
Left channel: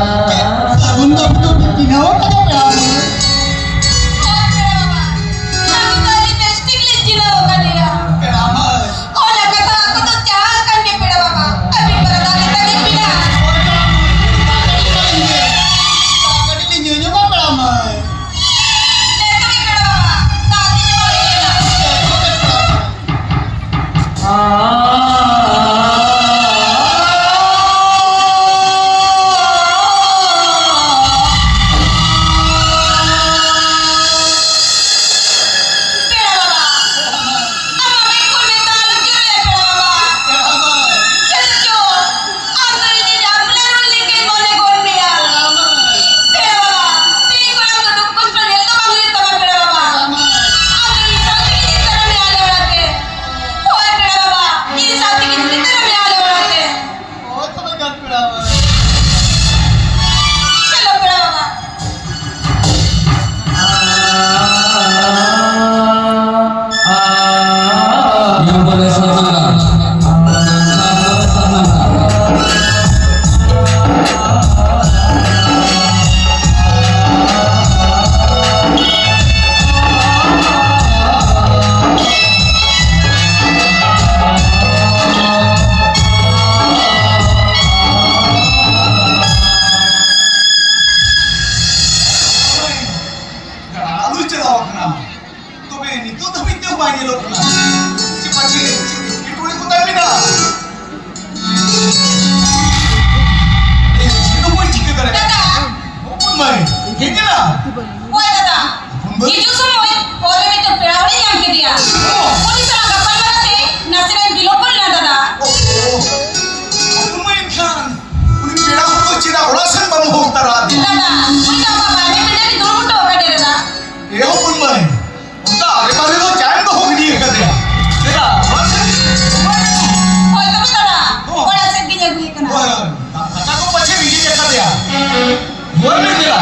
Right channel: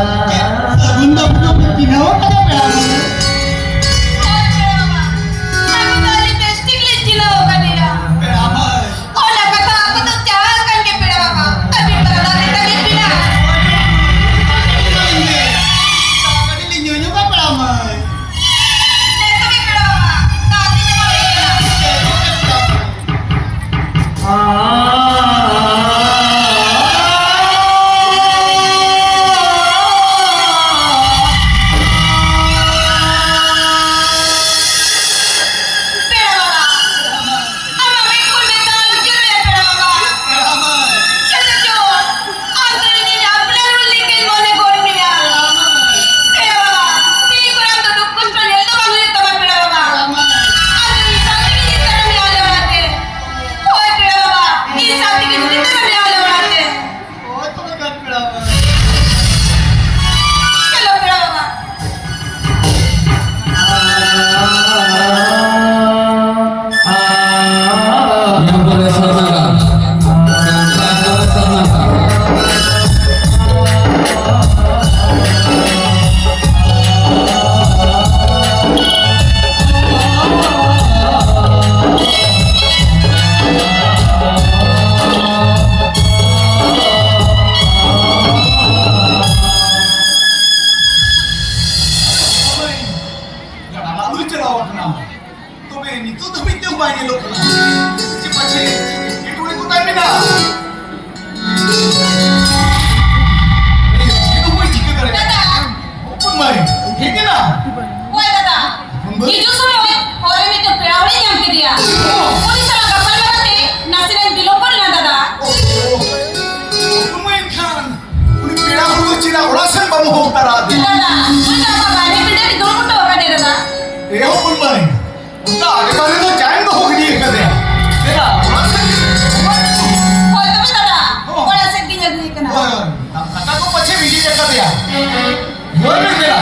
Segunda punya pinawa kada pera mo. Hoy, pera baba. Sagunda lipstick licila ho ka niya. Pera mo. Oh, nakata ako to tiyakan ke pera baba. Abi para dali tali pina. Kadi linyo ka pera mo. Neto ke pera baba. Dati niya mawala na. Pera baba. Ama may kulmentalo dyan ya pera baba. Pera mo. Kasi jo, antara niya आपल्या ruling kay gone gone niya. Pera baba. Tingin ko lang duduk kontrol to mangulit naman pera baba. Antara isang tingin ka na may alaw natin. Hoy pera baba. Isang tingin dito na may alaw natin. Oh, talaga pera mo. Hello pera baba. Yang boleh Sarnaga. Sarnaga. Gana lalu cerawa kena. Tobe ni tu tapi tu banyak lo kena. Cepat cepat. Itu ni kutai mina. Sino boy jika kare. Dada. Open mari. Kenge na. Hoy dada. ये जो सुनो ये और में तो पेरावली नाम के दिया police वाला couple मारते नसरे बिलोपन ना दादा Open mari kan. Uni pera ko cira orasan bamu hotara de. दादा उनका पापा ने बिना की दो कुटो का दे दादा ए open mari. उनका आगे बारे तो जान तो होगी नहीं कर दिया. देखा orasan. होय तबे दादा बड़ा से गिने गुई कना Wah, kata ko pache biji देखा दिया. Boy में दिया.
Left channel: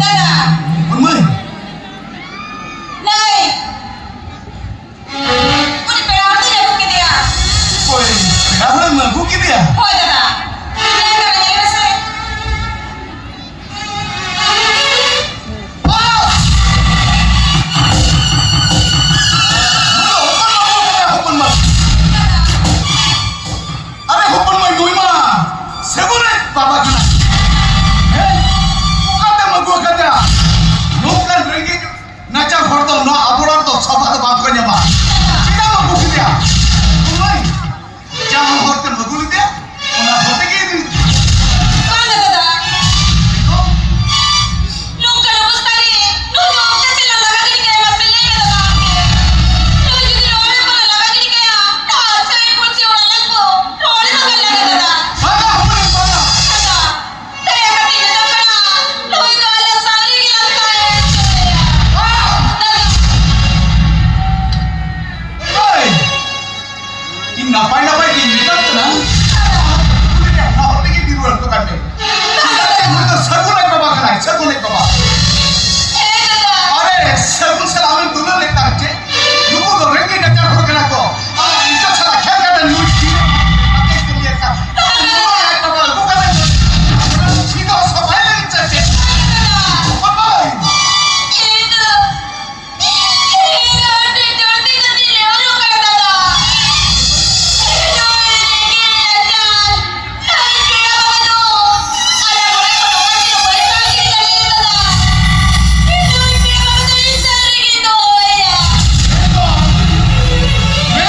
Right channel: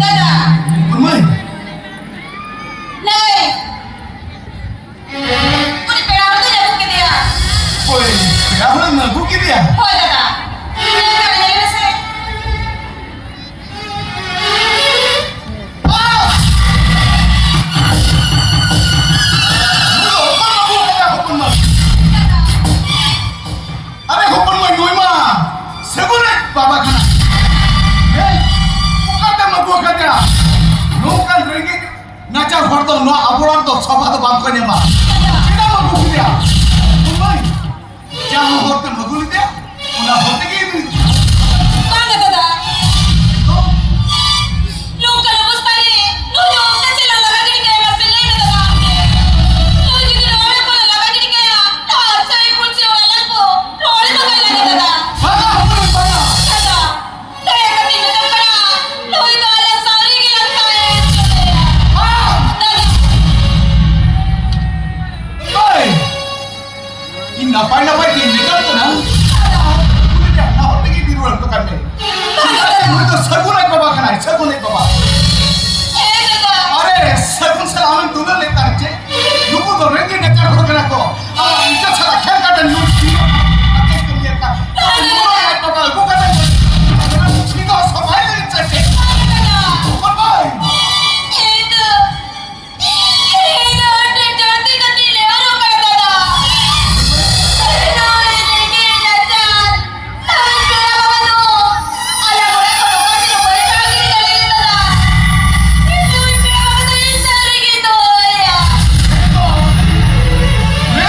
दादा Open mari. नहीं उन पेरावली ने के दिया Boy, pera ko magu ke dia. होय दादा ये ना बने से Open mari. अरे open mari doi ma. Segure baba kana. Hey, ukata magu kata. No kan rengi nacha hordo no aborar do saba do bam kanya ma. Kira magu ke dia. Open mari. Jangan horte magu dia. Una horte ke dia. कौन है दादा लोग कल मुस्तारी no जो कैसे लगा गिर गया मैं पिल्ले में दादा नो जो की रोड पर लगा गिर गया तो अच्छा ही पुलिस वाला लगो रोड में लगा दादा Bana open mari bana. दादा दया करके निकल पड़ा नो ही तो अलग सारी की लगता है दादा Hey. Ini napai di nikah tu na. Udah dah, nah horte ke biru tu kan deh. Ini tu segun ek baba kana, segun ek baba. ए दादा अरे सगुन सलामी दुल्हन लेता है लोगों को रेंगे नचा हो गया को अब इज्जत साला क्या करता है न्यूज़ की आते तुम ये का तो वो कहता है सीधा सफाई लेनी चाहिए bye Dadah.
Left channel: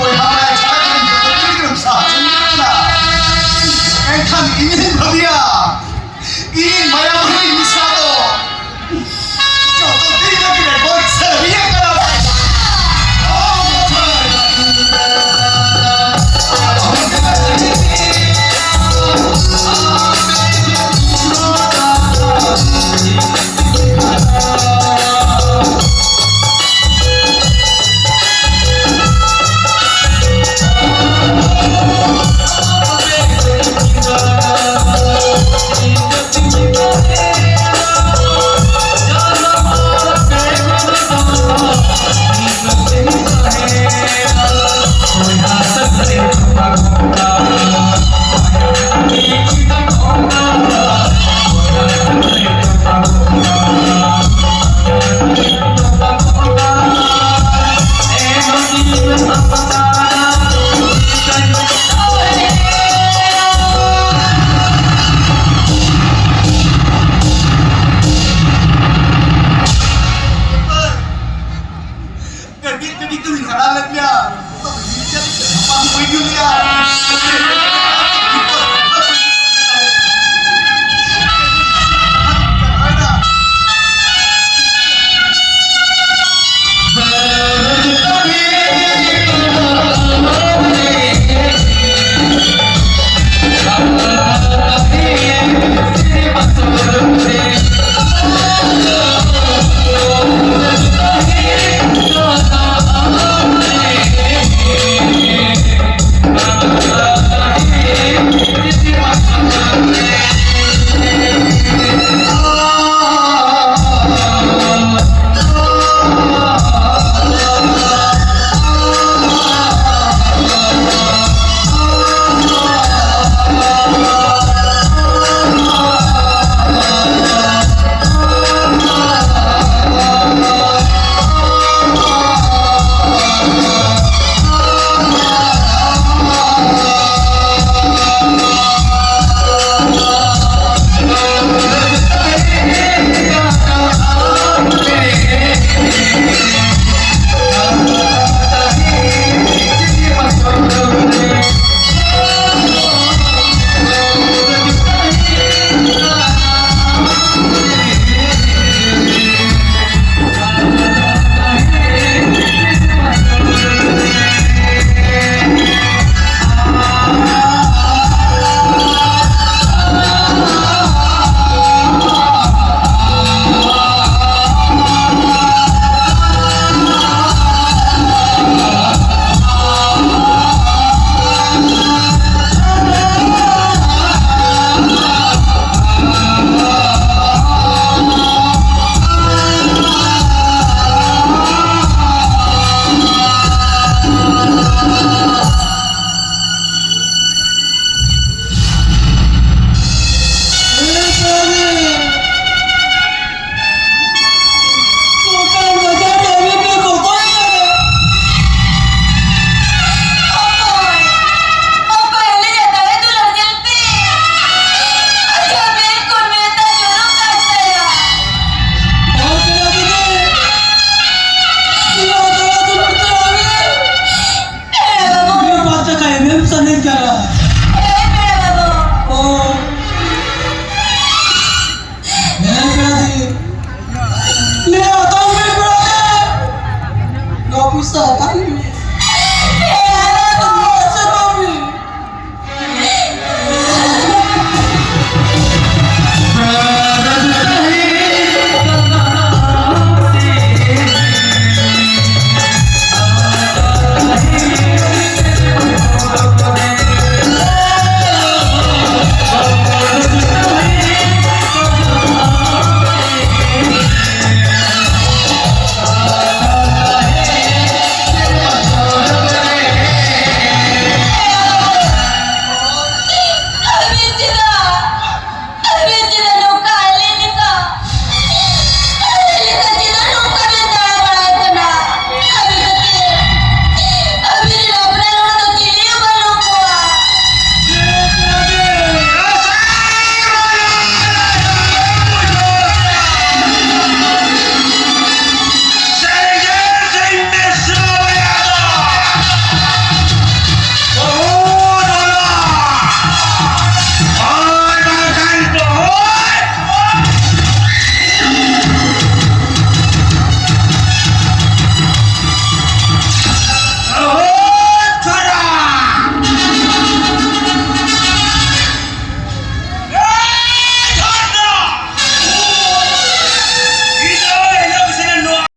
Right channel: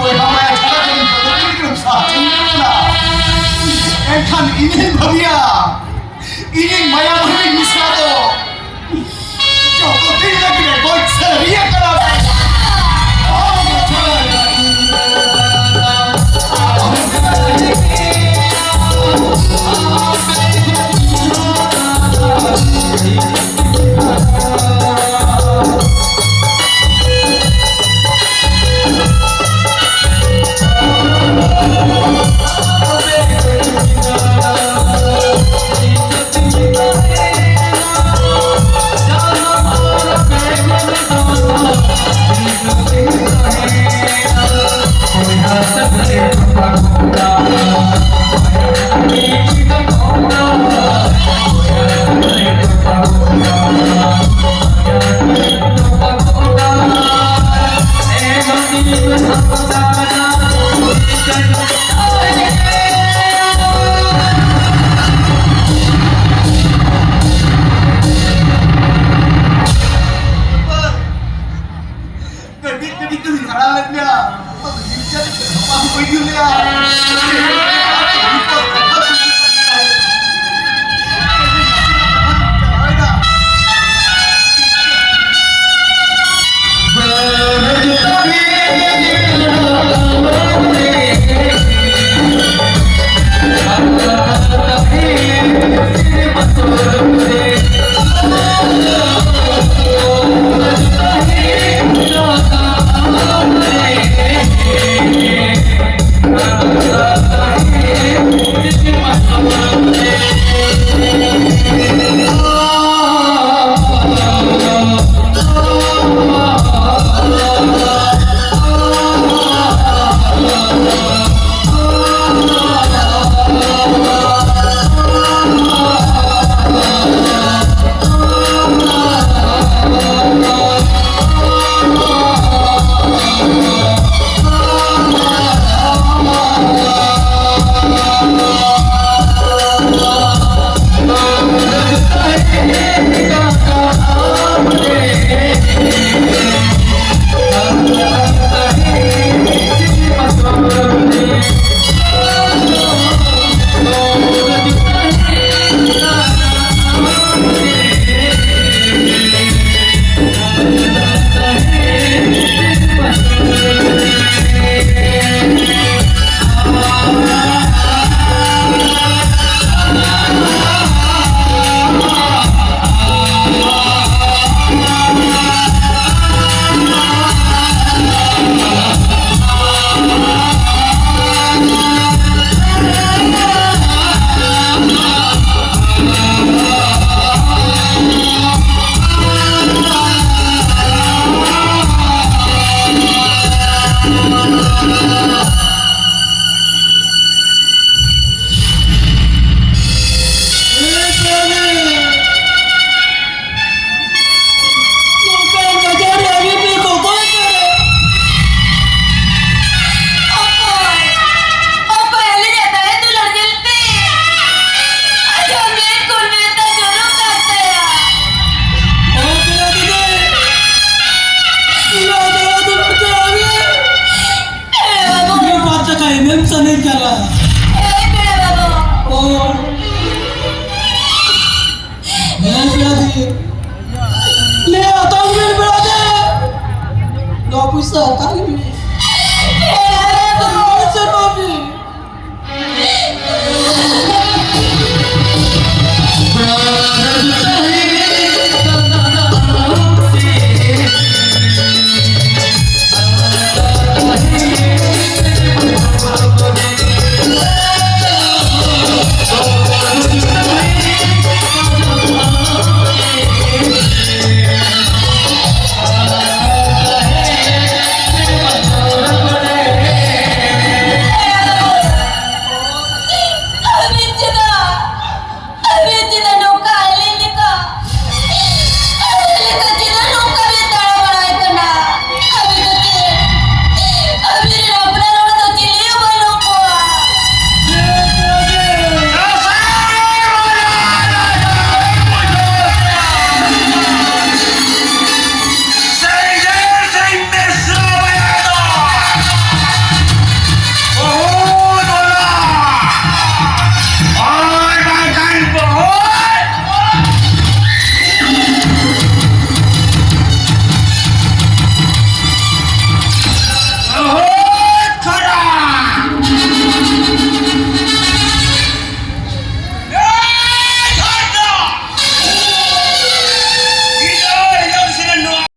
boi hamaya chara kini kotor kini sa chungna engkhan ini bhagia ini maya